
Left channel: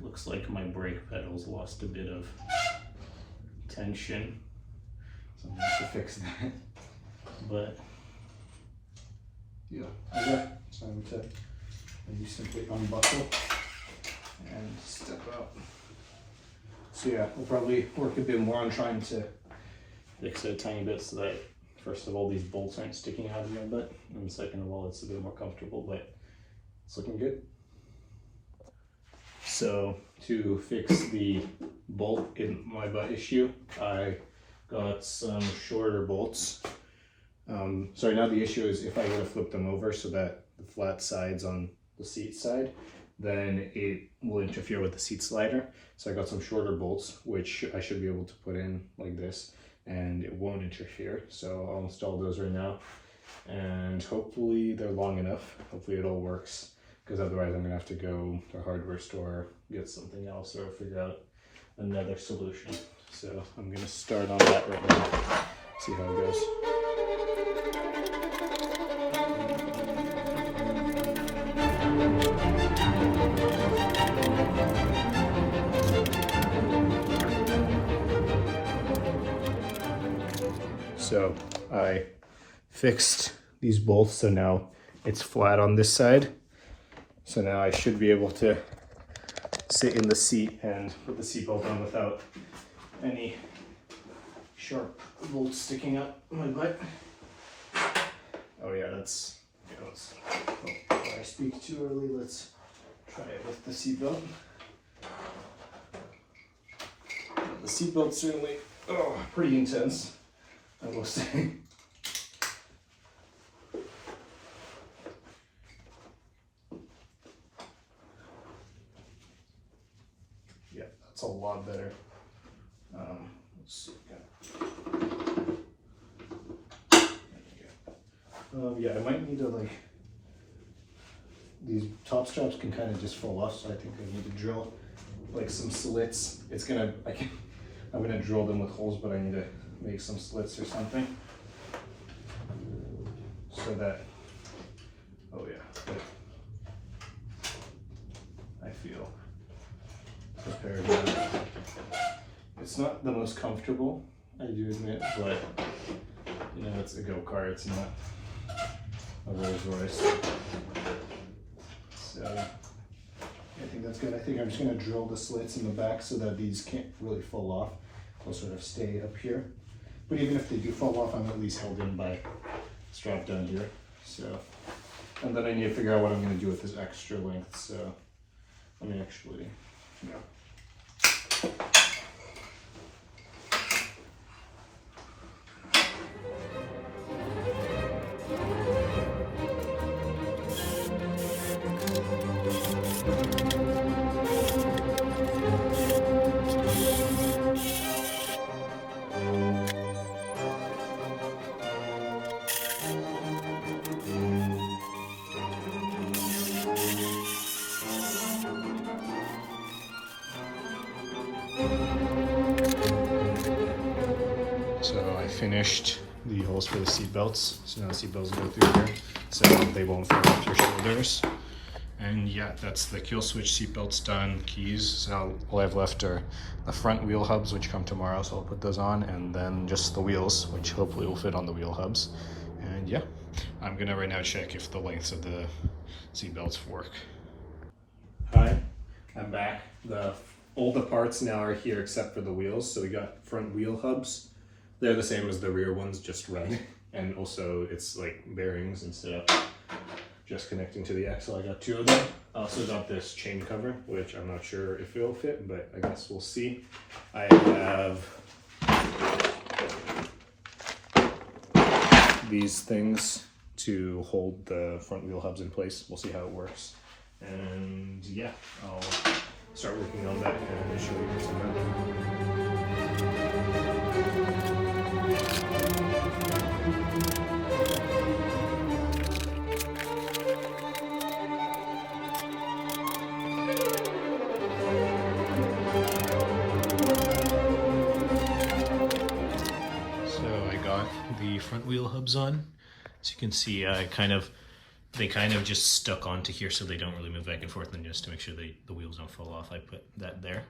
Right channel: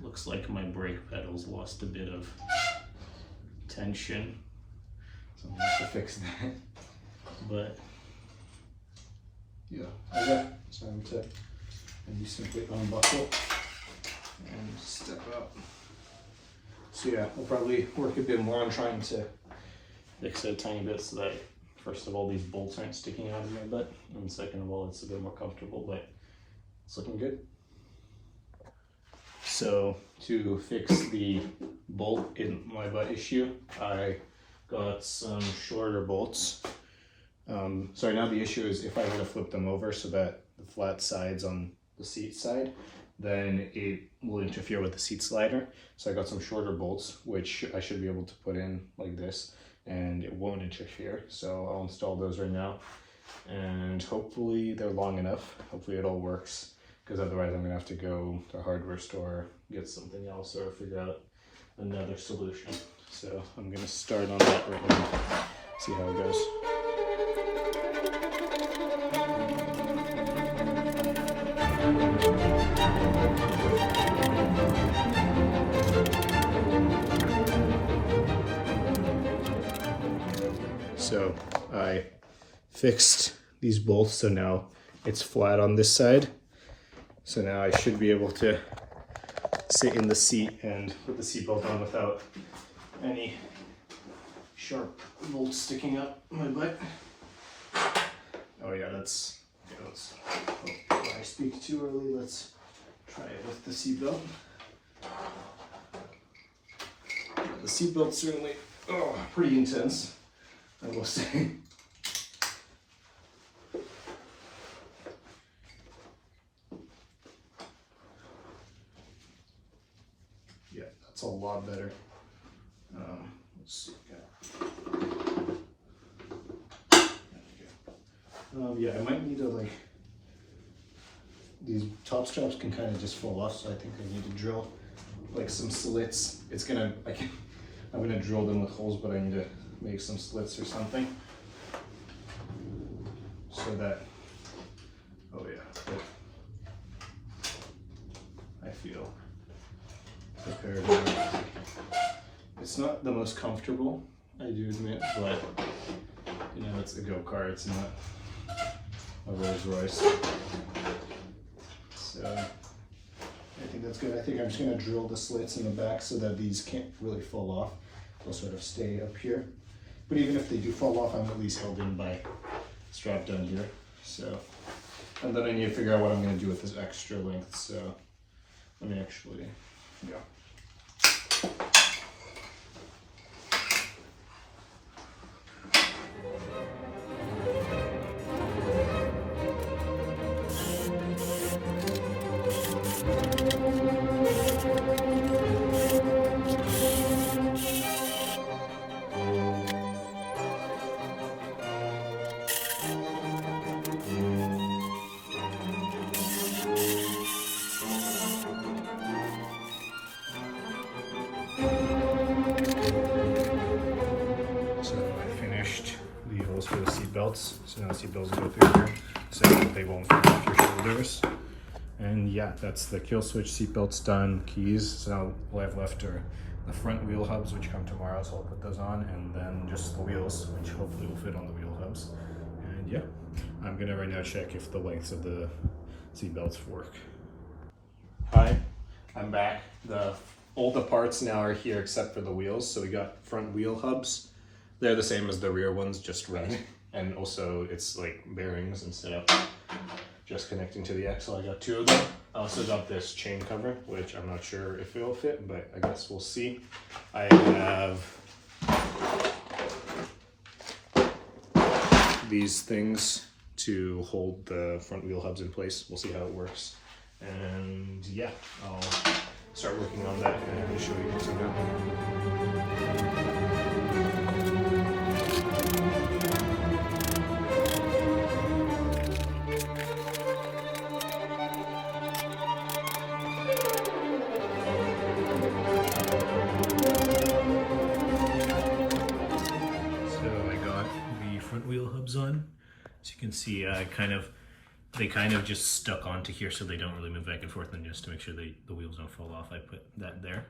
Looks like my brake pedals lost a bit of tension, so I'm gonna have to fix that. But yeah, okay, it's time to maybe simply unbuckle and step out. So yeah, we'll probably work a bit more on trying to fix it a tiny bit so that, first of all, these bolts aren't sticking out of my butt, and second of all, it's a bit more comfortable, but it's looking good. So to fix the bolt in my butt issue, I got some shorter bolts. Sorry, now the issue is if I were to flip them over so that the flat side's on the seat side, then it will interfere with the seat slider. So I got some shorter bolts, which I should be able to put in like this, and it won't interfere. So I'll install those right now, and hopefully they're long enough. Hopefully it all works, because otherwise I'm gonna have to go to a hardware store, get something else, or figure out another solution. So I'm gonna start on that right now, see how it goes. So I fixed these bolts, so now it's flat on this side. So now I should be able to sit in the seat and put the seatbelt on without any sharp bolts sticking up my butt. Oh yeah, let's before I speak too early, let's try it with the seatbelt. The seatbelt's certainly pretty intense, I will say. Yeah, that's a lot better. Let's see. Yeah, I might need to these top straps can kind of just fall off, so I think I need to drill like some slits. I'm gonna drill them with holes, but I need to make some slits or something so that, I feel prepared now. It's not the most comfortable, I do admit, but you know, it's a go-kart, it's not a Rolls Royce. So I think that's good. I think I'm just gonna drill the slits in the back so that these can't really fall off. They'll sort of stay up here. But even if they do fall off, I'm at least held in by strap down here. So, and then I need to figure out what I'm gonna do with this extra length. So let me actually, yeah. So I finished the holes for the seat belts. So now the seat belts go through here, so they won't fall off your shoulders. And yeah, that's the kill switch seat belts done, keys. So now all I've left are the front wheel hubs, which come tomorrow, so I'll put those on, and then just the wheels, which hopefully will fit on the wheel hubs. And yeah, I'm gonna right now check if the lengths of the seat belts work. Hi, I'm back. All the parts now are here except for the wheels. So we got front wheel hubs. They're the same as the rear ones, just red. And also it's like bearings instead of just connecting to the axle. I got 2 of them. I also got this chain cover, which I'm not sure if it'll fit, but I guess we'll see. I have these things to hold the front wheel hubs in place. We'll see how it works. And yeah, I'll start working on that and show you some of So I got the front wheel hubs on. As you can see, they kind of just stuck onto here so they don't really move back and forth, and just to make sure the wheels don't fall off, I put that there.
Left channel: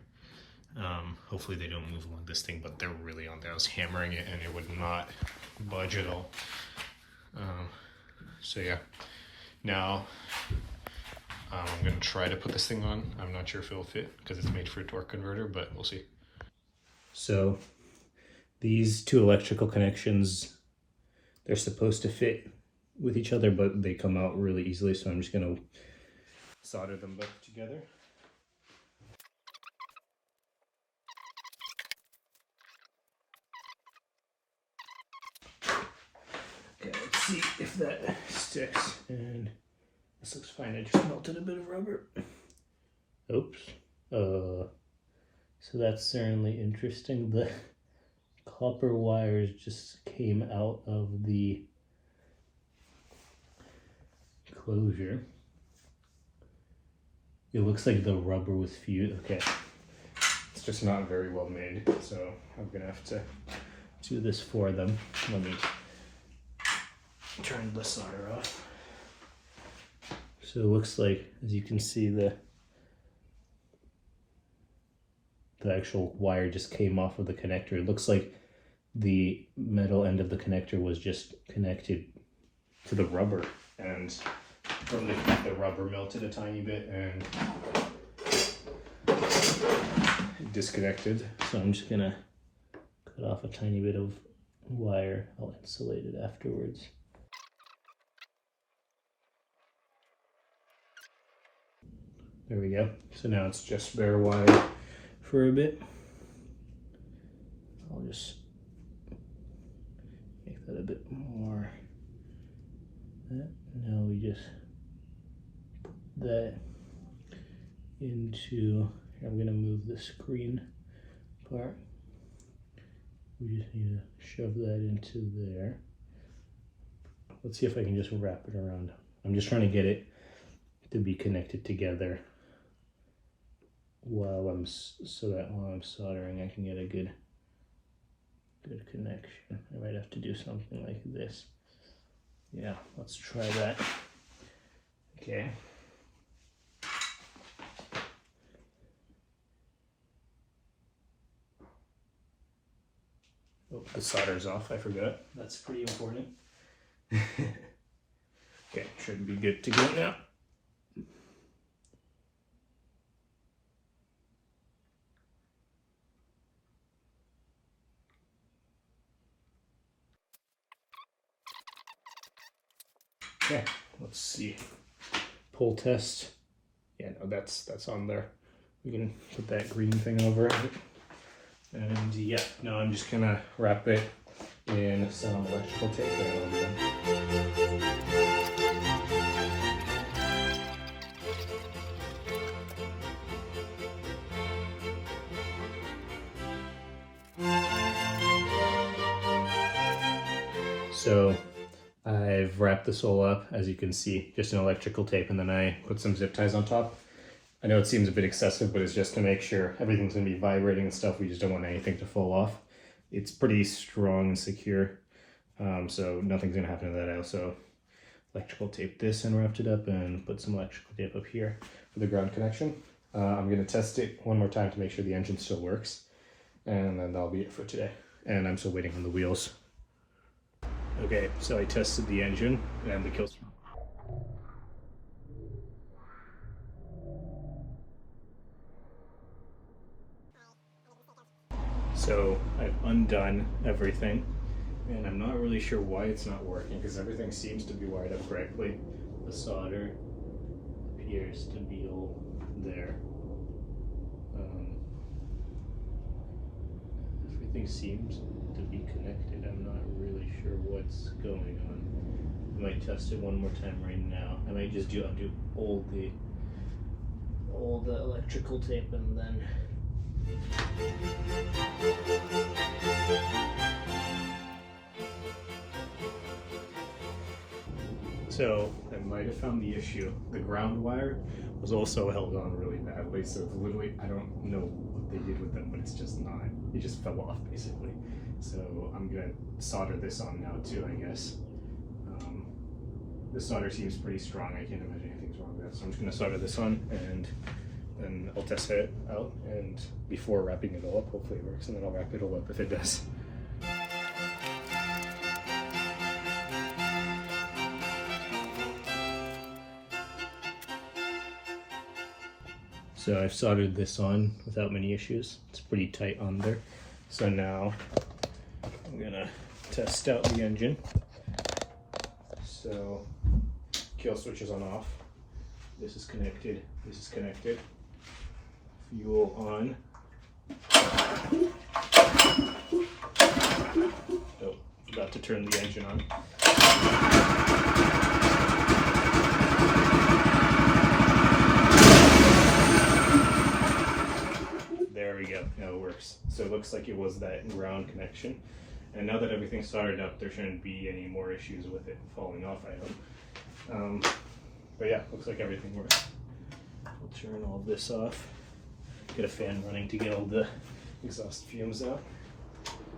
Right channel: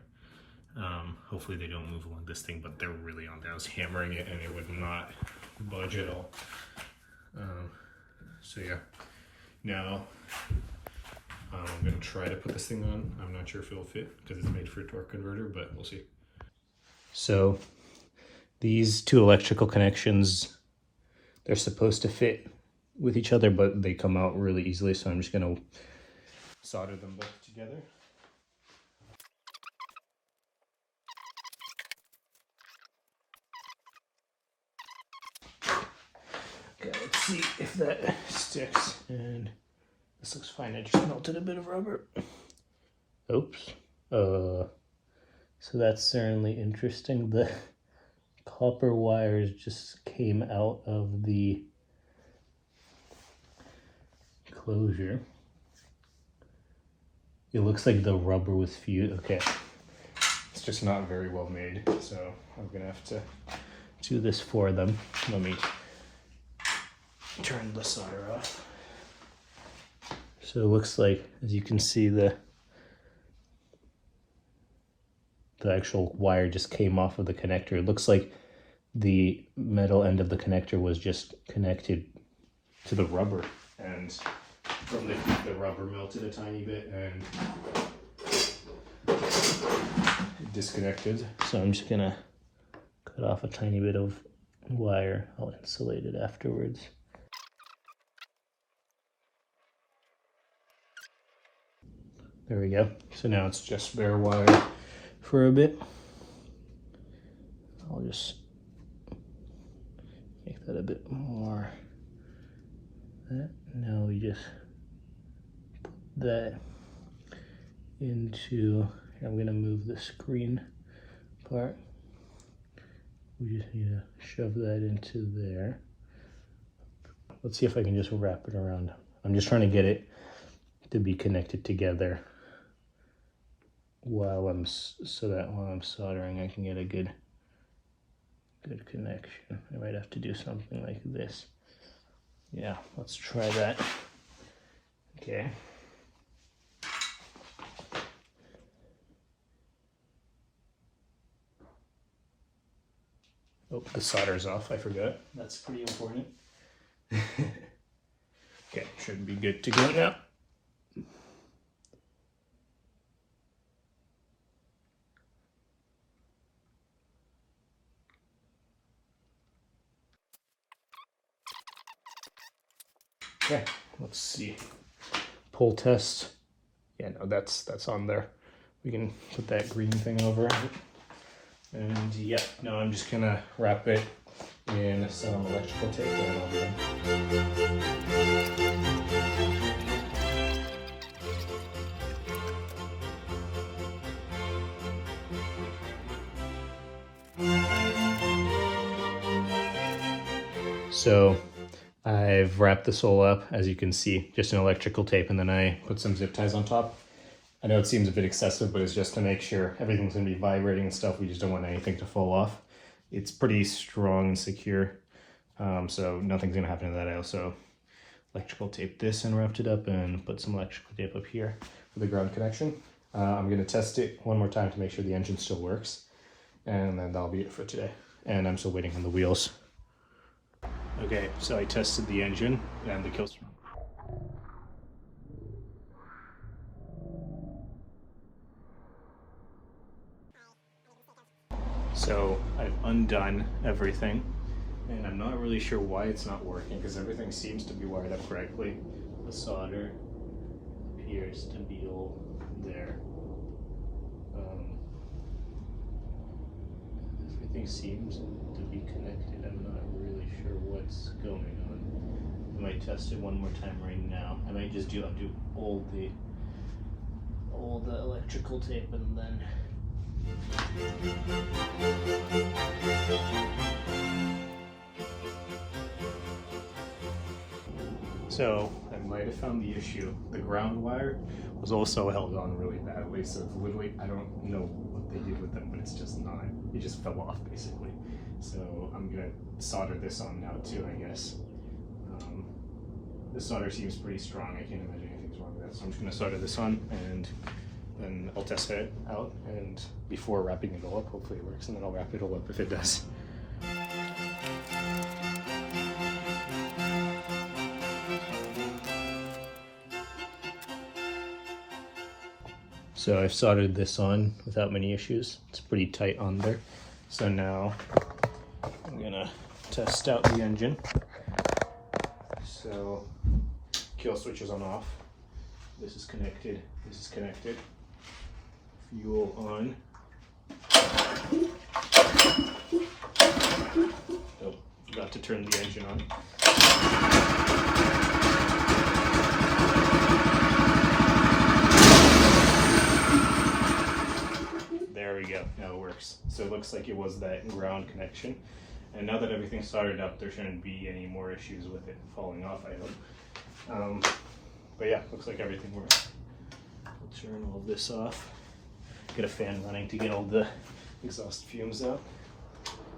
Hopefully they don't move along this thing, but they're really on there. I was hammering it and it would not budge at all. So yeah, now I'm gonna try to put this thing on. I'm not sure if it'll fit because it's made for a torque converter, but we'll see. So these 2 electrical connections, they're supposed to fit with each other, but they come out really easily, so I'm just gonna solder them both together. Okay. if that sticks. And this looks fine. I just melted a bit of rubber. Oops. So that's certainly interesting. The copper wires just came out of the closure. It looks like the rubber was fused. Okay. It's just not very well made, so I'm gonna have to do this for them. Let me turn the solder off. So it looks like, as you can see, the actual wire just came off of the connector. It looks like the metal end of the connector was just connected to the rubber, and from the rubber melted a tiny bit and it disconnected. So I'm just gonna cut off a tiny bit of wire. I'll insulate it afterwards. There we go. So now it's just bare wire for a bit. I'll just make that a bit more. Now we just put that into, I'm gonna move the screen part. We just need to shove that into there. Let's see if I can just wrap it around. I'm just trying to get it to be connected together so that while I'm soldering I can get a good connection. I might have to do something like this. Yeah, let's try that. Okay. Oh, the solder's off, I forgot. That's pretty important. Okay, should be good to go now. Yeah, let's see. Pull test. Yeah, no, that's on there. We can put that green thing over it. And yeah, no, I'm just gonna wrap it in some electrical tape. So I've wrapped this all up, as you can see, just an electrical tape, and then I put some zip ties on top. I know it seems a bit excessive, but it's just to make sure everything's gonna be vibrating and stuff. We just don't want anything to fall off. It's pretty strong and secure, so nothing's gonna happen to that. I also electrical taped this and wrapped it up and put some electrical tape up here for the ground connection. I'm gonna test it one more time to make sure the engine still works, and then that'll be it for today. And I'm still waiting on the wheels. Okay, so I tested the engine and the kill switch. So I've undone everything, and I'm not really sure why it's not working because everything seems to be wired up correctly. The solder appears to be all there. Everything seems to be connected. I'm not really sure what's going on. I might test it one more time right now. I might just undo all the electrical tape and then so I might have found the issue. The ground wire was also held on really badly, so it's literally, I don't know what they did with them, but it's just not, it just fell off basically. So I'm gonna solder this on now too, I guess. The solder seems pretty strong. I can't imagine anything's wrong with that. So I'm just gonna solder this on and then I'll test it out, and before wrapping it all up, hopefully it works, and then I'll wrap it all up if it does. So I've soldered this on without many issues. It's pretty tight on there. So now I'm gonna test out the engine. So kill switch is on off. This is connected. This is connected. Fuel on. Oh, about to turn the engine on. There we go, now it works. So it looks like it was that ground connection. And now that everything's soldered up, there shouldn't be any more issues with it falling off, I hope. But yeah, looks like everything works. I'll turn all of this off. Get a fan running to get all the exhaust fumes out.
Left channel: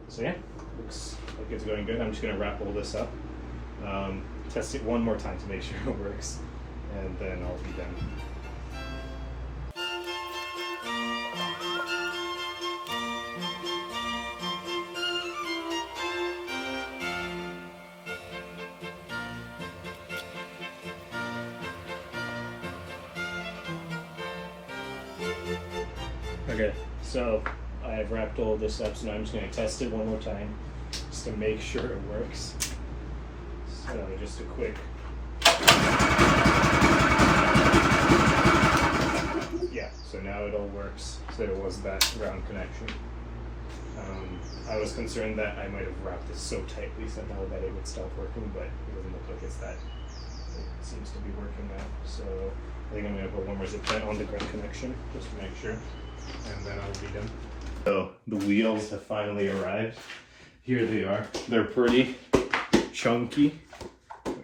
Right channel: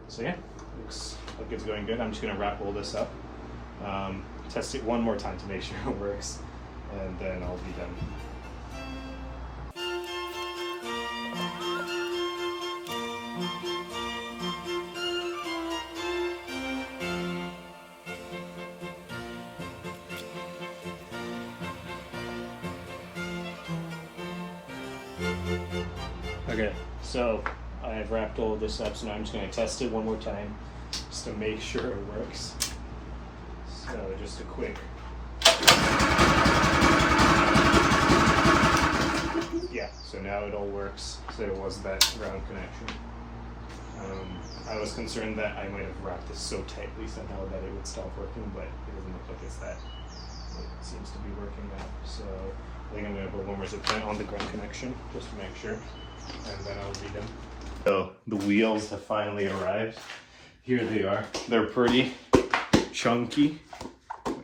So yeah, looks like it's going good. I'm just gonna wrap all this up. Test it one more time to make sure it works, and then I'll be done. Okay, so I've wrapped all this up, so now I'm just going to test it one more time just to make sure it works. So just a quick. Yeah, so now it all works. So it was that ground connection. I was concerned that I might have wrapped this so tightly somehow that it would stop working, but it doesn't look like it's that. It seems to be working now. So I think I'm going to put one more zip tie on the ground connection just to make sure. And then I'll be done. So the wheels have finally arrived. Here they are. They're pretty chunky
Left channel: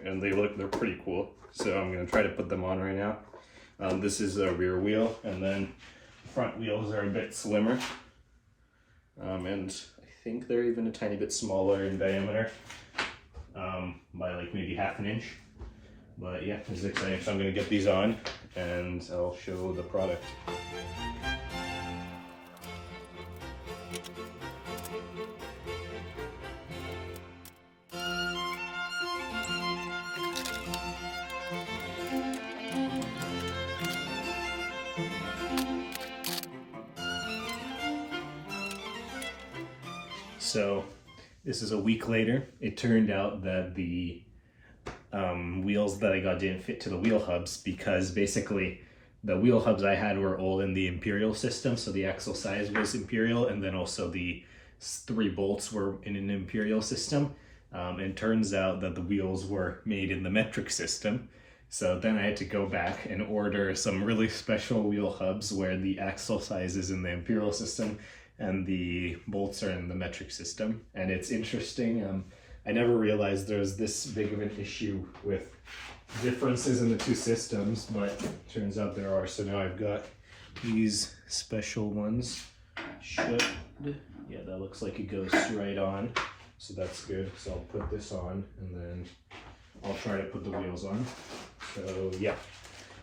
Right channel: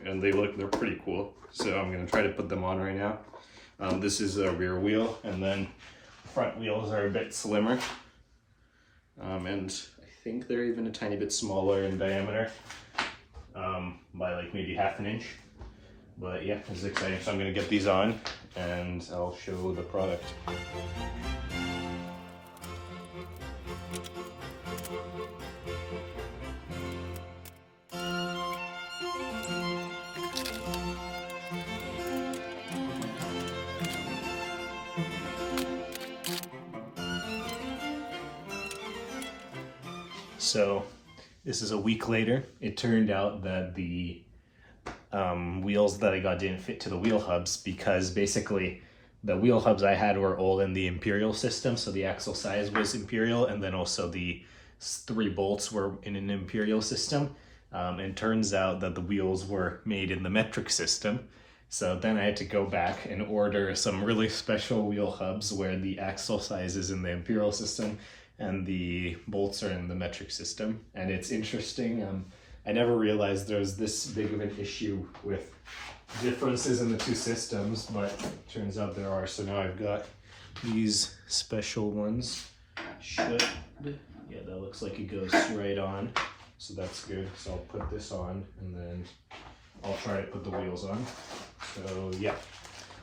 and they're pretty cool. So I'm gonna try to put them on right now. This is a rear wheel, and then front wheels are a bit slimmer. And I think they're even a tiny bit smaller in diameter, by like maybe half an inch. But yeah, this is exciting. So I'm gonna get these on and I'll show the product. So this is a week later. It turned out that the wheels that I got didn't fit to the wheel hubs, because basically the wheel hubs I had were all in the imperial system. So the axle size was imperial, and then also the 3 bolts were in an imperial system. And turns out that the wheels were made in the metric system. So then I had to go back and order some really special wheel hubs where the axle size is in the imperial system and the bolts are in the metric system. And it's interesting, I never realized there's this big of an issue with differences in the 2 systems, but turns out there are. So now I've got these special ones. Yeah, that looks like it goes right on, so that's good. So I'll put this on and then I'll try to put the wheels on. So yeah,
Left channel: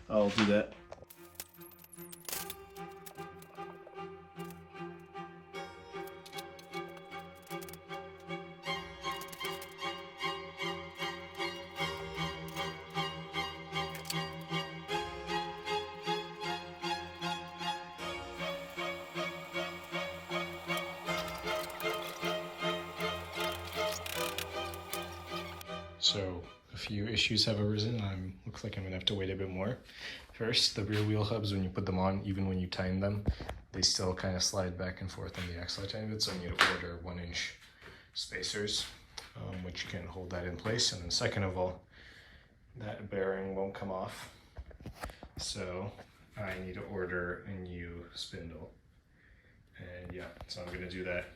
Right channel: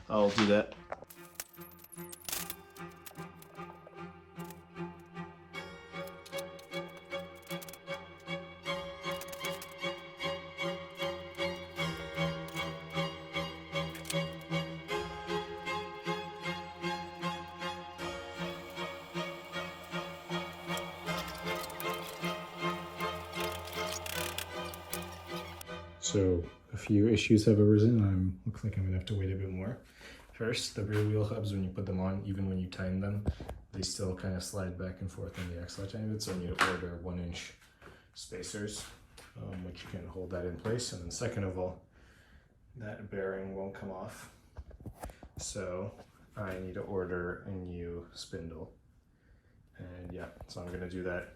I'll do that. So a few issues have arisen. Looks like I'm gonna have to wait a bit more. First, the rear wheel hubs, when you put them on, even when you tighten them, they still kind of slide back and forth on the axle a tiny bit, so you need to order 1-inch spacers, which can hold that in place. And then second of all, that bearing won't come off, so I need to order a new spindle. And yeah, so I'm gonna do that.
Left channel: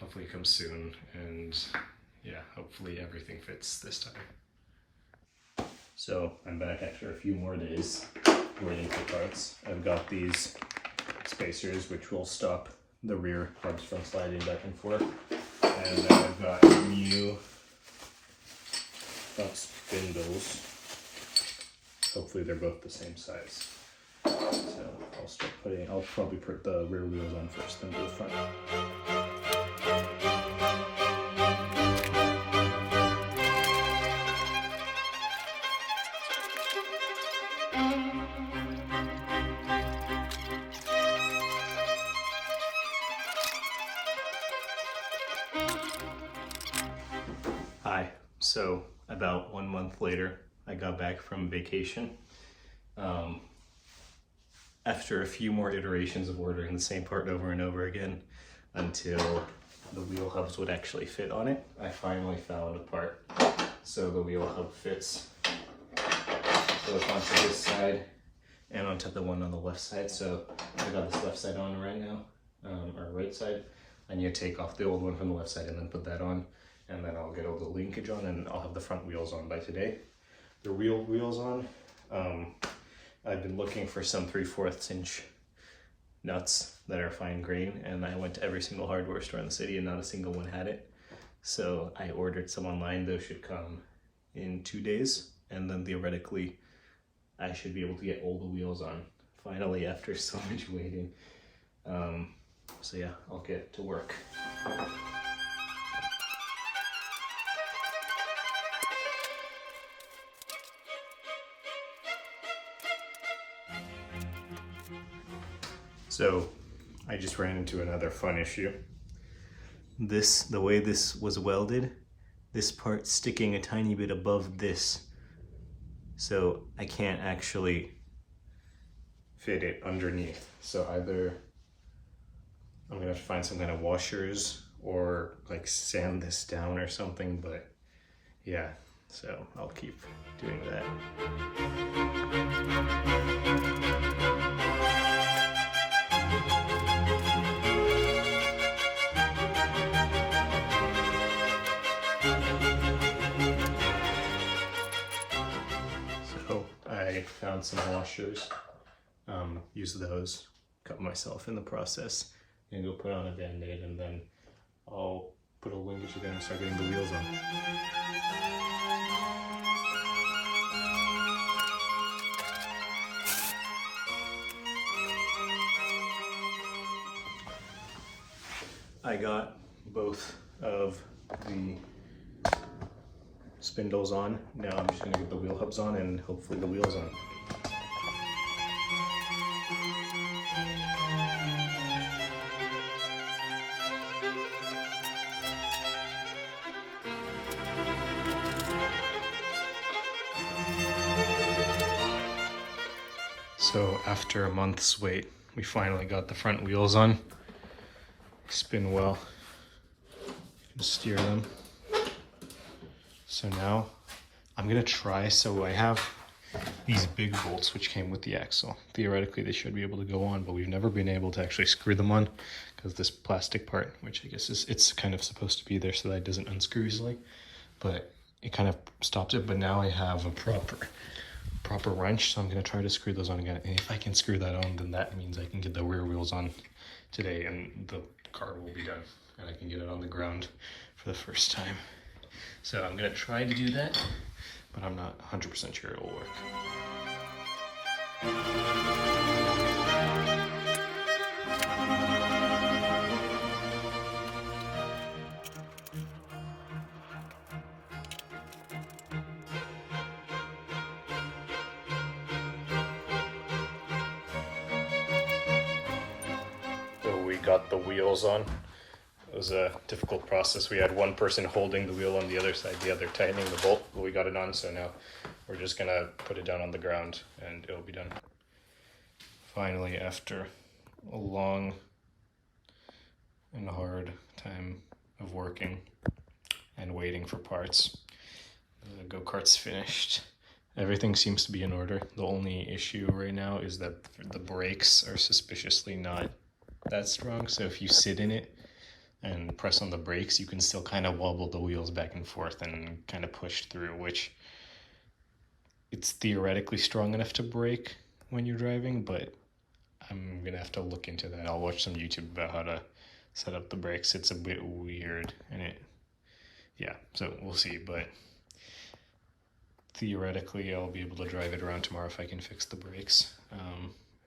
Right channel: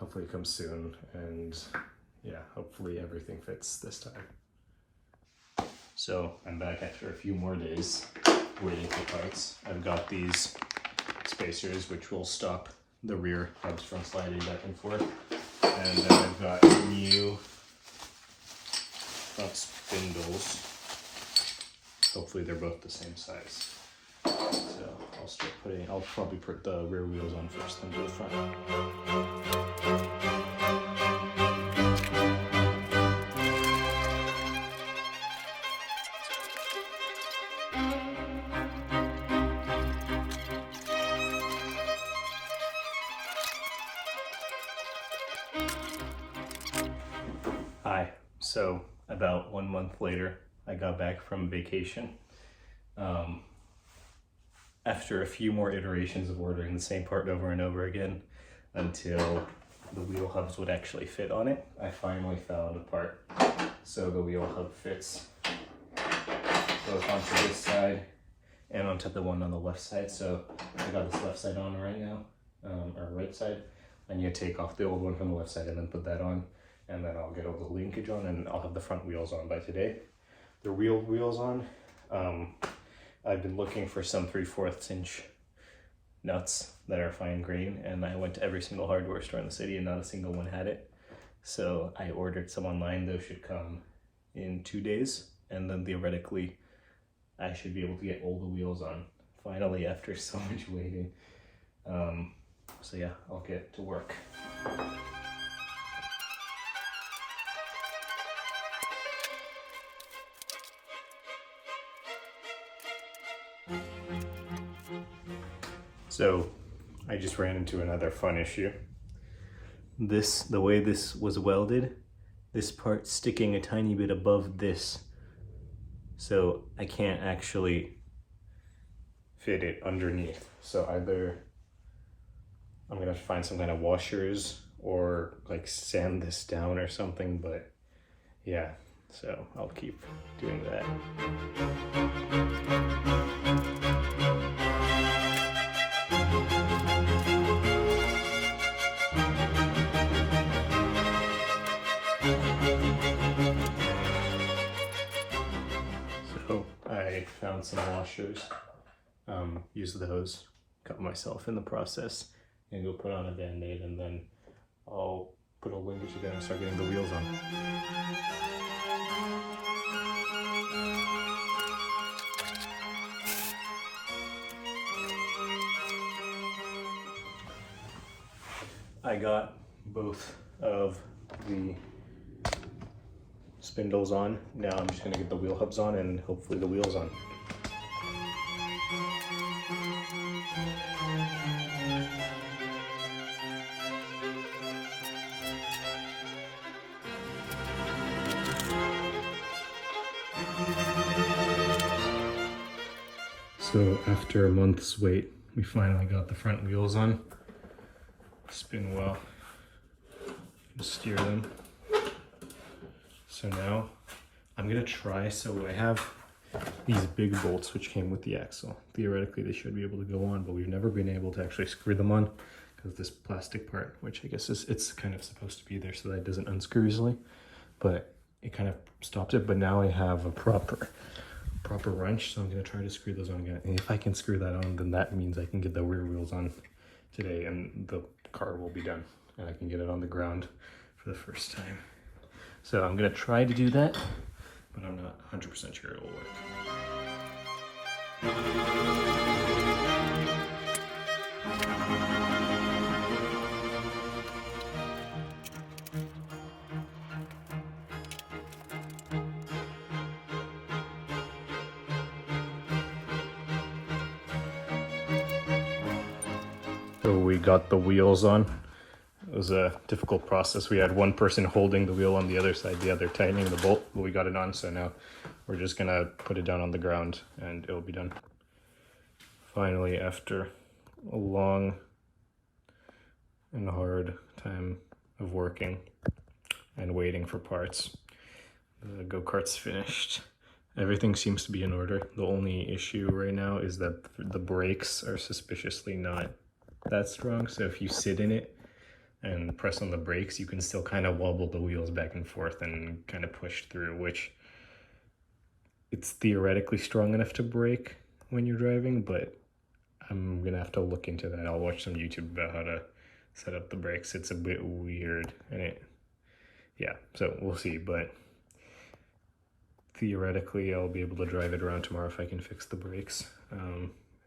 Hopefully it comes soon, and yeah, hopefully everything fits this time. So I'm back after a few more days waiting for parts. I've got these spacers which will stop the rear hubs from sliding back and forth. And then I've got new front spindles. Hopefully they're both the same size. So I'll probably put the rear wheels on first, then do the front. Hi, so about 1 month later, I got back from vacation. After a few more iterations of ordering the same part over and over again until the wheel hubs would actually fit on it, I finally found a part. so the wheel hub fits both onto this side and onto the one on the left side. So I got this left side on right now, or right side. I need to take off the old one from the left side and then put that on, and then I'll get all the linkage on, and I'll have the front wheels on by today. The real wheels on. I've been looking for some 3/4 inch nuts that are fine grain, and I went to every single hardware store in the city and not a single one had it. So I ordered some online. Those should come in 2 days, and then theoretically I should be able to get all the wheels on finally after so much waiting. So yeah, I'll get to work. So I just ran into another fun issue. The way this was welded, this part sticking a tiny bit above this, so I can't actually fit it underneath. So either I'm gonna have to find some kind of washers or like sand this down or something, but yeah, so I'll keep doing that. So I found some washers, used those, cut myself in the process, and go put on a band-aid, and then I'll put a linkage again and start getting the wheels on. I got both of the spindles on. Now I'm just gonna get the wheel hubs on and hopefully the wheels on. So after a month's wait, we finally got the front wheels on. Spin well, steer them. So now I'm gonna try, so I have these big bolts which came with the axle. Theoretically they should be able to go on, but we've never been able to actually screw them on because this plastic part, which I guess it's kind of supposed to be there so that it doesn't unscrew easily, but it kind of stopped it. But now I have a proper wrench, so I'm gonna try to screw those on again. And if I can screw that on, then that means I can get the rear wheels on today and the car will be done and I can get it on the ground for the first time. So I'm gonna try to do that, but I'm not 100% sure it will work. So we got the wheels on. It was a difficult process. We had one person holding the wheel on the other side, the other tightening the bolt. We got it on, so now we're just gonna put it down on the ground and it'll be done. Finally, after a long and hard time of working and waiting for parts, the go-kart's finished. Everything seems to be in order. The only issue right now is that the brakes are suspiciously not that strong, so if you sit in it and press on the brakes, you can still kind of wobble the wheels back and forth and kind of push through, which it's theoretically strong enough to brake when you're driving, but I'm gonna have to look into that. I'll watch some YouTube about how to set up the brakes. It's a bit weird, and yeah, so we'll see, but theoretically I'll be able to drive it around tomorrow if I can fix the brakes.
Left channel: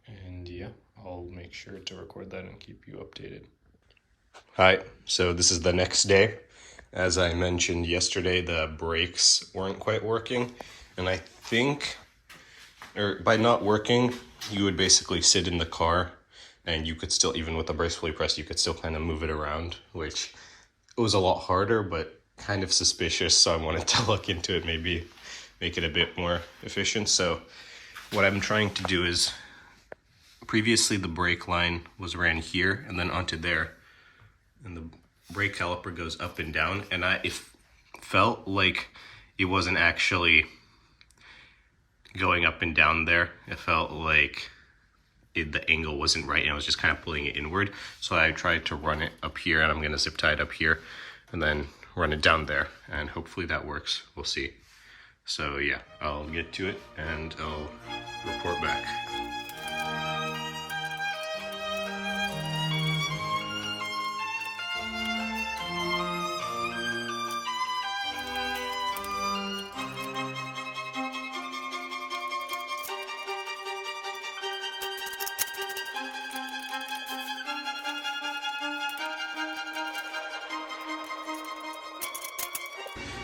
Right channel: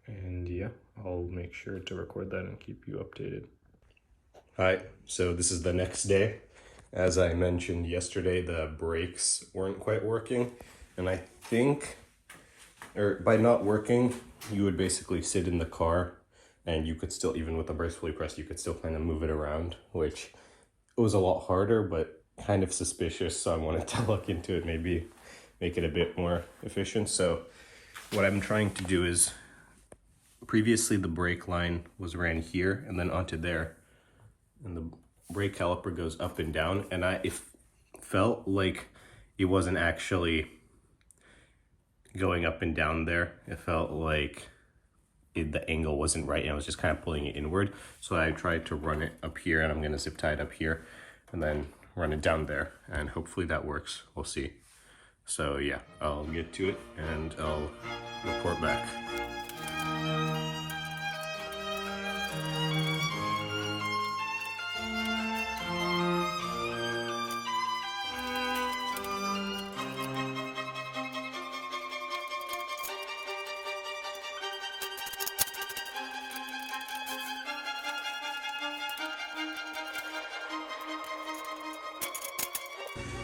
And yeah, I'll make sure to record that and keep you updated. Hi, so this is the next day. As I mentioned yesterday, the brakes weren't quite working, and I think, or by not working, you would basically sit in the car and you could still, even with the brakes fully pressed, you could still kind of move it around, which was a lot harder, but kind of suspicious, so I wanted to look into it, maybe make it a bit more efficient. So what I'm trying to do is, previously the brake line was ran here and then onto there, and the brake caliper goes up and down, and it felt like it wasn't actually going up and down there. It felt like the angle wasn't right, and I was just kind of pulling it inward. So I tried to run it up here, and I'm going to zip tie it up here and then run it down there, and hopefully that works. We'll see. So yeah, I'll get to it and I'll report back.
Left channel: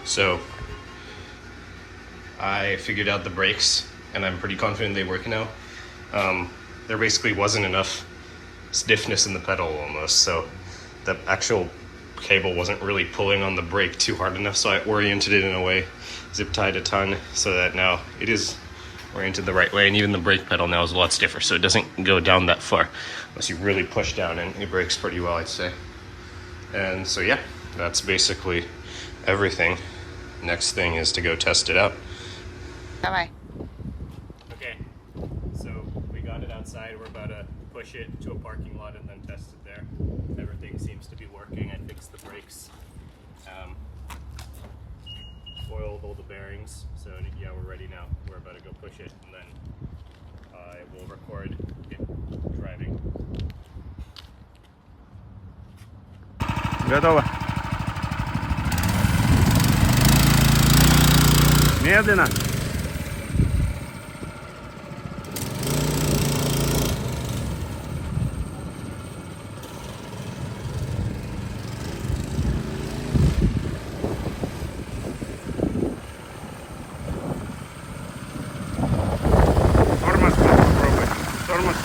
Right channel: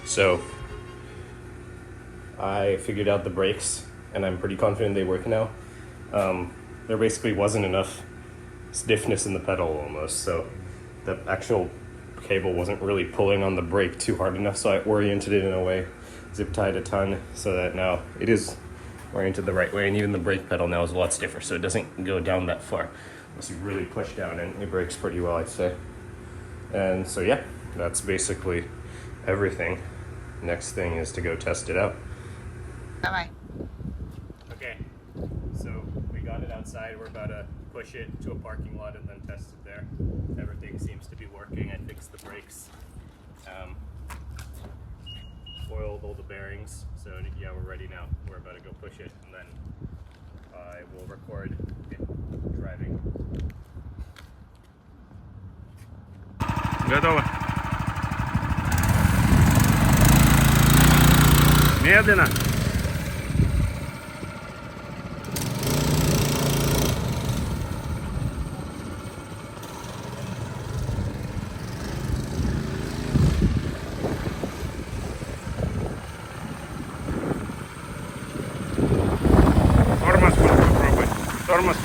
So I figured out the brakes, and I'm pretty confident they work now. There basically wasn't enough stiffness in the pedal almost, so the actual cable wasn't really pulling on the brake too hard enough, so I oriented it in a way, zip tied a ton, so that now it is oriented the right way, and even the brake pedal now is a lot stiffer, so it doesn't go down that far unless you really push down, and it brakes pretty well, I'd say. And so yeah, that's basically everything. Next thing is to go test it out. Bye-bye. Okay, so we got it outside. We're about to push it to a parking lot and then test it there. Everything seems to be working. I fixed the brakes, oiled all the bearings. So yeah, we're ready now. We're about to go push it, and then I will record it driving. Готово. Медленно. Тормоз попробуй. Тормоз.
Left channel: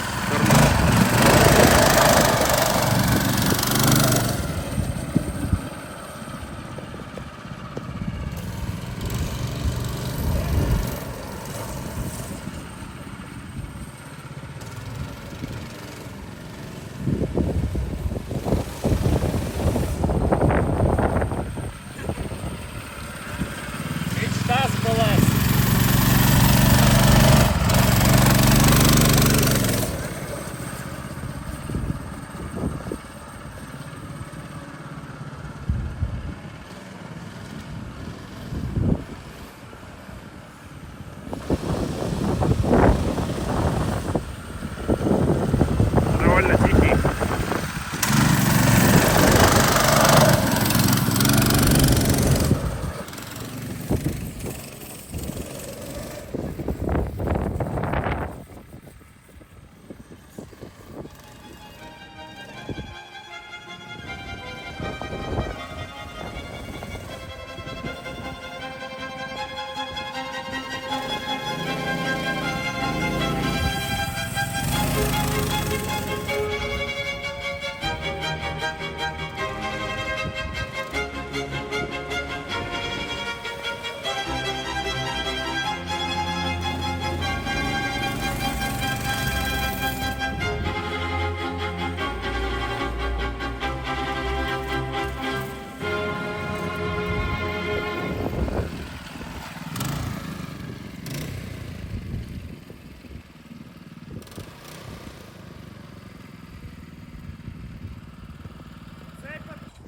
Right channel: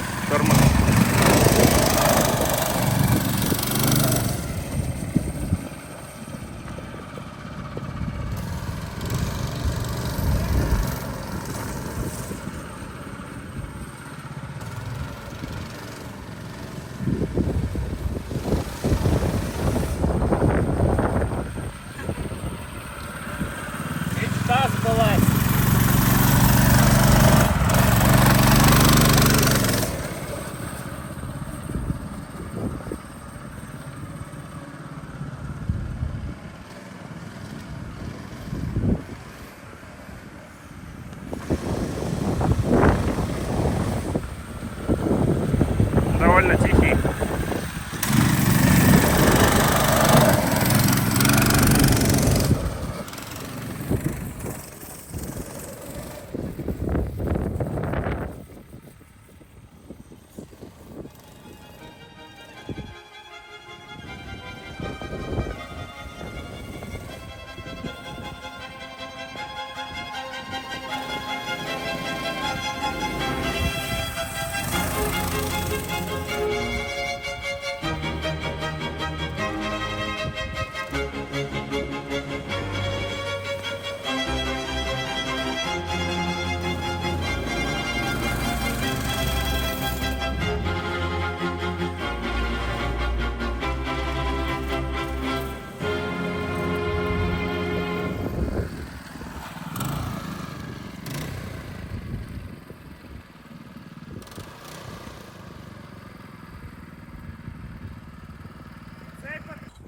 Довольно тихий.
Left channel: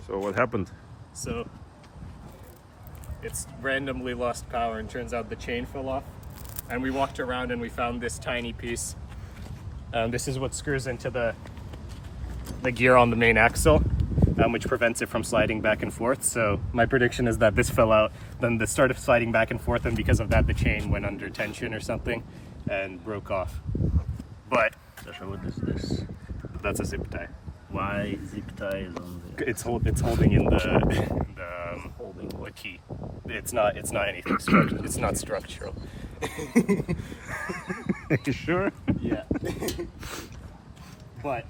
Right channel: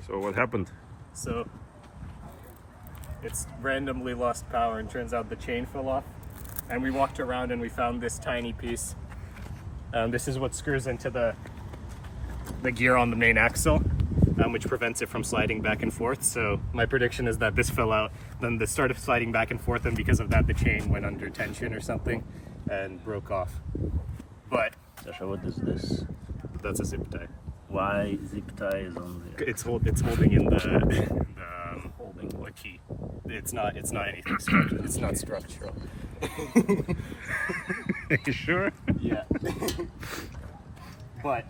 So what happened? So it's randomly lost power, and turns out the chain fell off. And we walked around and we found this tiny piece. This is what screws into the gear on the main axle, which prevents it from sliding back and forth. So my prediction is that this fell out, then this started sliding back and forth, and because of that the chain went under tension or something and broke off. But Sasha, what is this? that's a zip tie. Why zip tie is on the It's holding in the holding the what? key. It's not anything structural. It's not structural. You sure? Yeah. But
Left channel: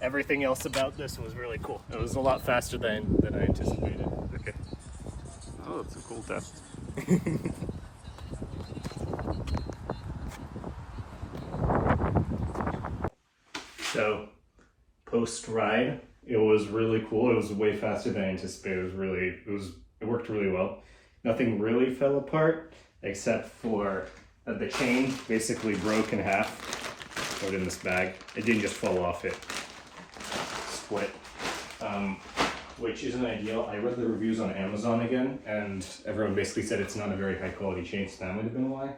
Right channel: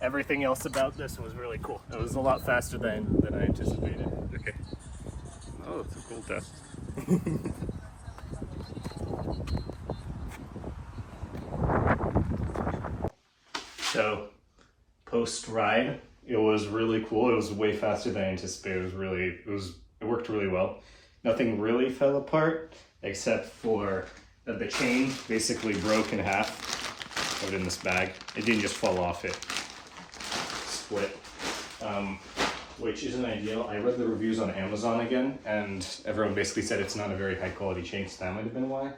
everything else about this was really cool. It was a lot faster than I anticipated. Okay. Oh, that's a cool test. So post ride, it was really cool. It was way faster than I anticipated. It worked really well. nothing really fell apart except for the chain basically broke in half. Put it in this bag. It didn't just fall off, it split, which isn't ideal. I read the reviews on Amazon again, and everyone basically said it's not a very high quality chain, so that might have been why.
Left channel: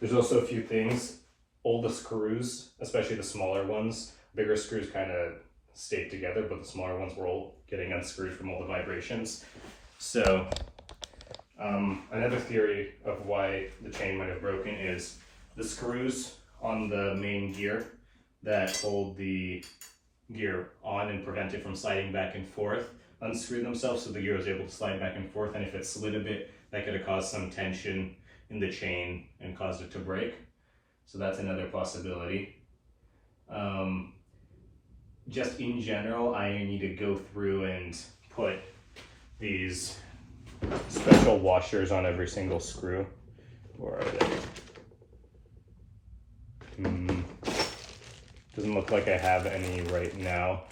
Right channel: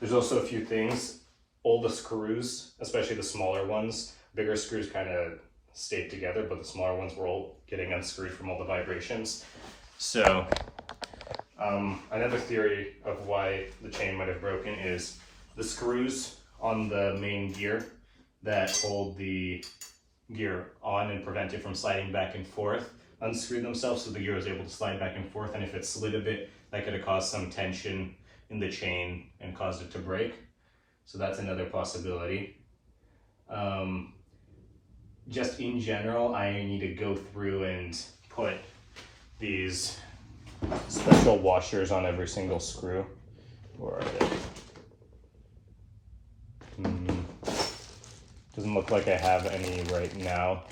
There's also a few things. All the screws, especially the smaller ones, bigger screws kind of stayed together, but the smaller ones were all getting unscrewed from all the vibrations. So another theory of why the chain might have broken is the screws on the main gear that hold the gear on and prevent it from sliding back and forth unscrew themselves, so the gear was able to slide back and forth, and if it slid a bit, that could have caused some tension in the chain and caused it to break. So that's another possibility. Just in general, I need to go through and put these special washers on every single screw. Where are they? Doesn't look like I have any right now,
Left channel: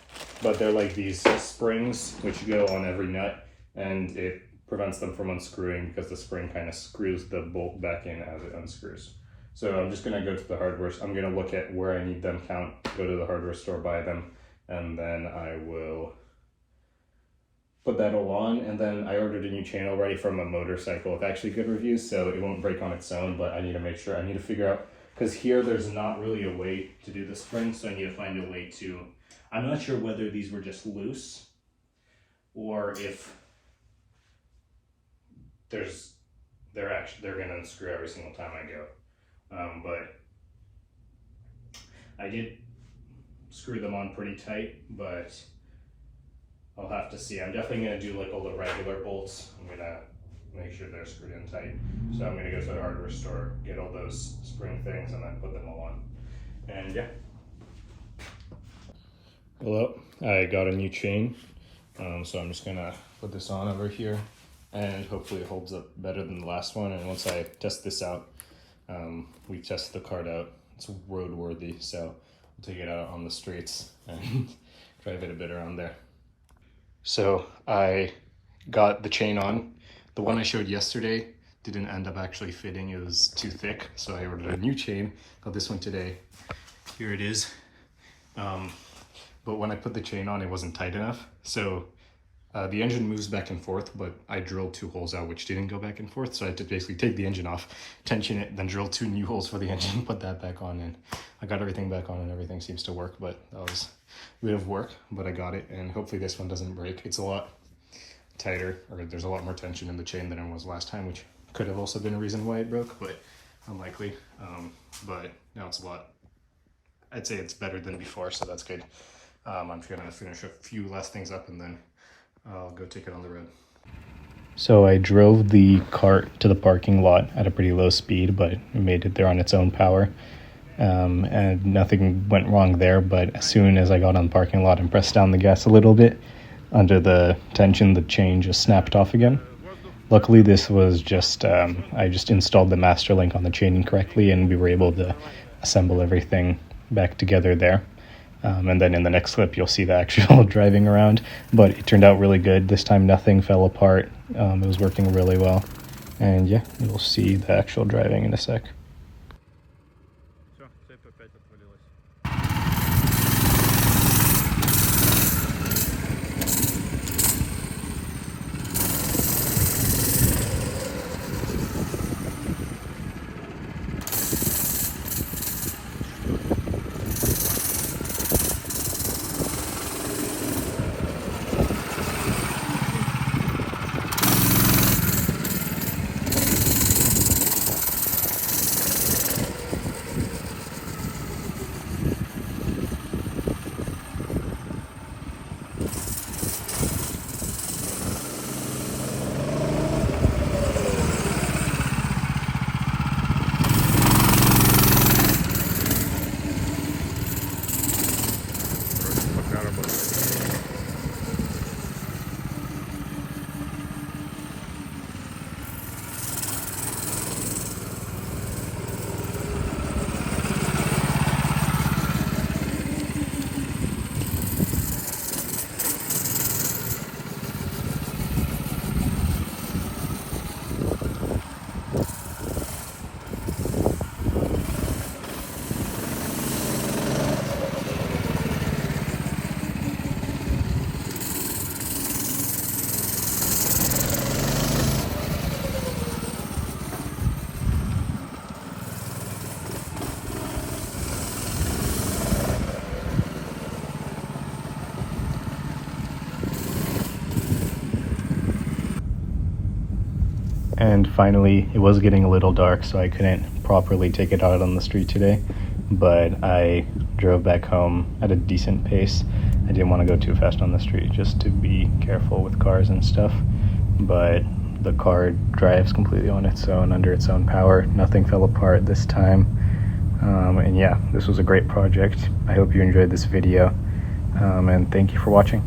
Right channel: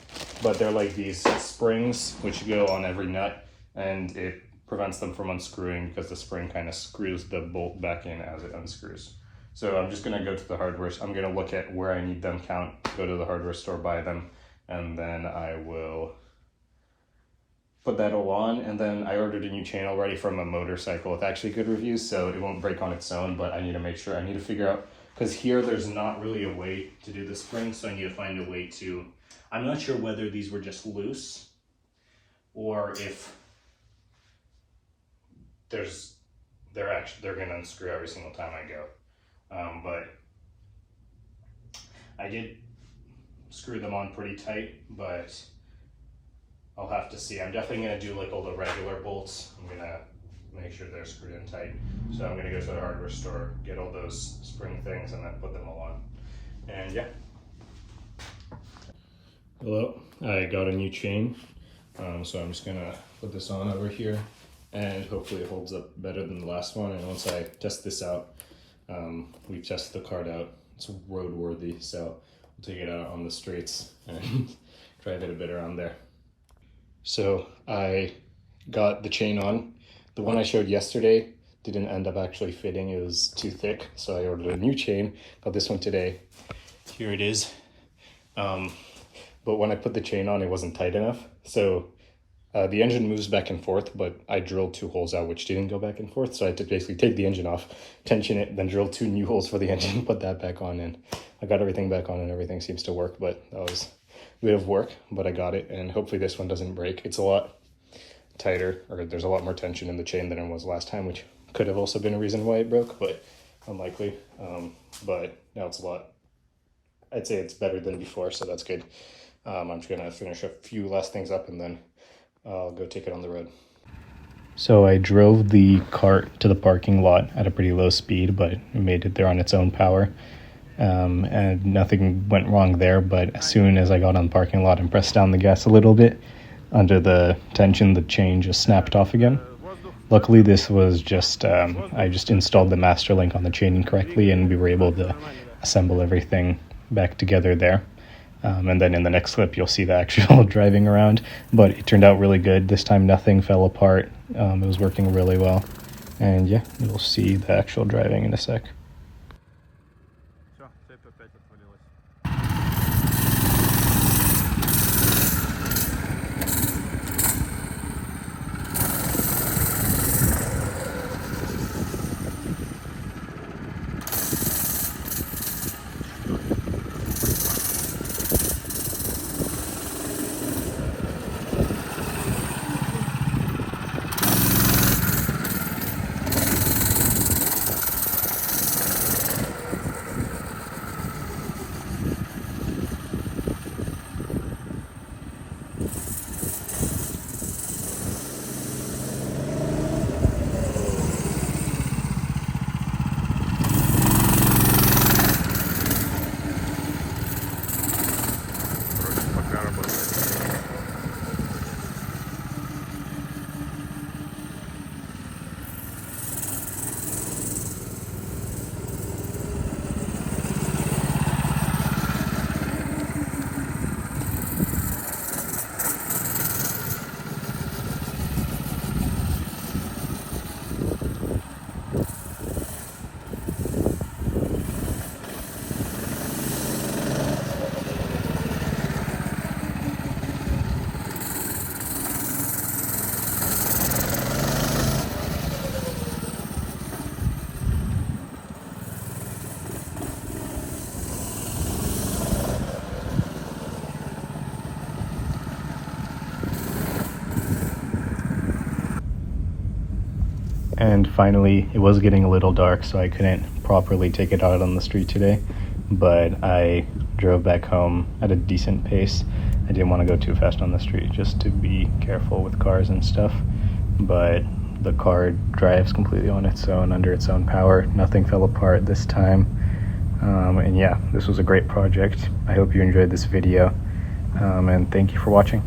but they're like these springs which go on every nut, and it prevents them from unscrewing because the spring kind of screws the bolt back in as it unscrews. So I'm just gonna go to the hardware. I'm gonna look at where I need them, count, go to the hardware store, buy them, and then I will put that all on. And then I ordered a new chain already from a motorcycle with actually good reviews, so it won't break on its own, but I need to make sure, I need to figure out, because here there's not really a way to do the spring, so I need to find a way to, I'm not sure whether these were just loose or if they're gonna unscrew every single time I go. But I did screw them on pretty tight, but I'll have to see. I'm definitely gonna do like all the regular bolts. I'm gonna make sure they're screwed in tight. So I'm gonna go to the hardware store, get all those spring things, and then put them all on. And yeah. Hello, I got a new chain. So I'm just gonna put this on over here, and hopefully it holds up better than the last one. And once I test this out, we tested the kart out. It's roadworthy, so we'll take it out on the streets and drive it a bit around there. So I got the chain on. The one I showed yesterday didn't end up actually fitting. It was too thick, so I ordered a new chain. Got this one today. Here it is. But when I put the chain on, it wasn't tight enough. So the engine moves back and forth, but I drilled 2 holes out which didn't go back and forth. So I had to basically take the engine off, tension it, then drill 2 new holes for the engine, put that back on, and I got everything back on and everything seems to work. But that was a bit of work, but I got it, and hopefully this one doesn't break. It's a lot tighter, or there's a lot more tension in the chain than it was last time, which could have also been a reason why it broke, but unlikely. But now it's a lot, I'd say it's better than before, so that's good. I'm just gonna finish a few last things up and then I'll go take it on the road. So I drove the cart to the parking lot at a pretty low speed, but it made it there on its own power. And nothing went wrong there, but as soon as I got on the parking lot and pressed down the gas a little bit, under the tension, the chain just snapped off again. Luckily, this was just, I just installed the master link on the chain incorrectly, and we were able to assemble everything back together there. And then in the next clip, you'll see the actual driving around, but it turned out really good. This time, nothing fell apart. It was working really well. And yeah, you'll see the actual driving in a sec. And finally, it was getting a little dark, so I couldn't properly take it out on the street today, but I drove back home at a decent pace. I didn't want to go too fast on the street just to be careful with cars and stuff, but the car drives completely on its own, under its own power. Nothing fell apart this time. And yeah, this was a great project. I hope you enjoyed this video, and thank you for watching.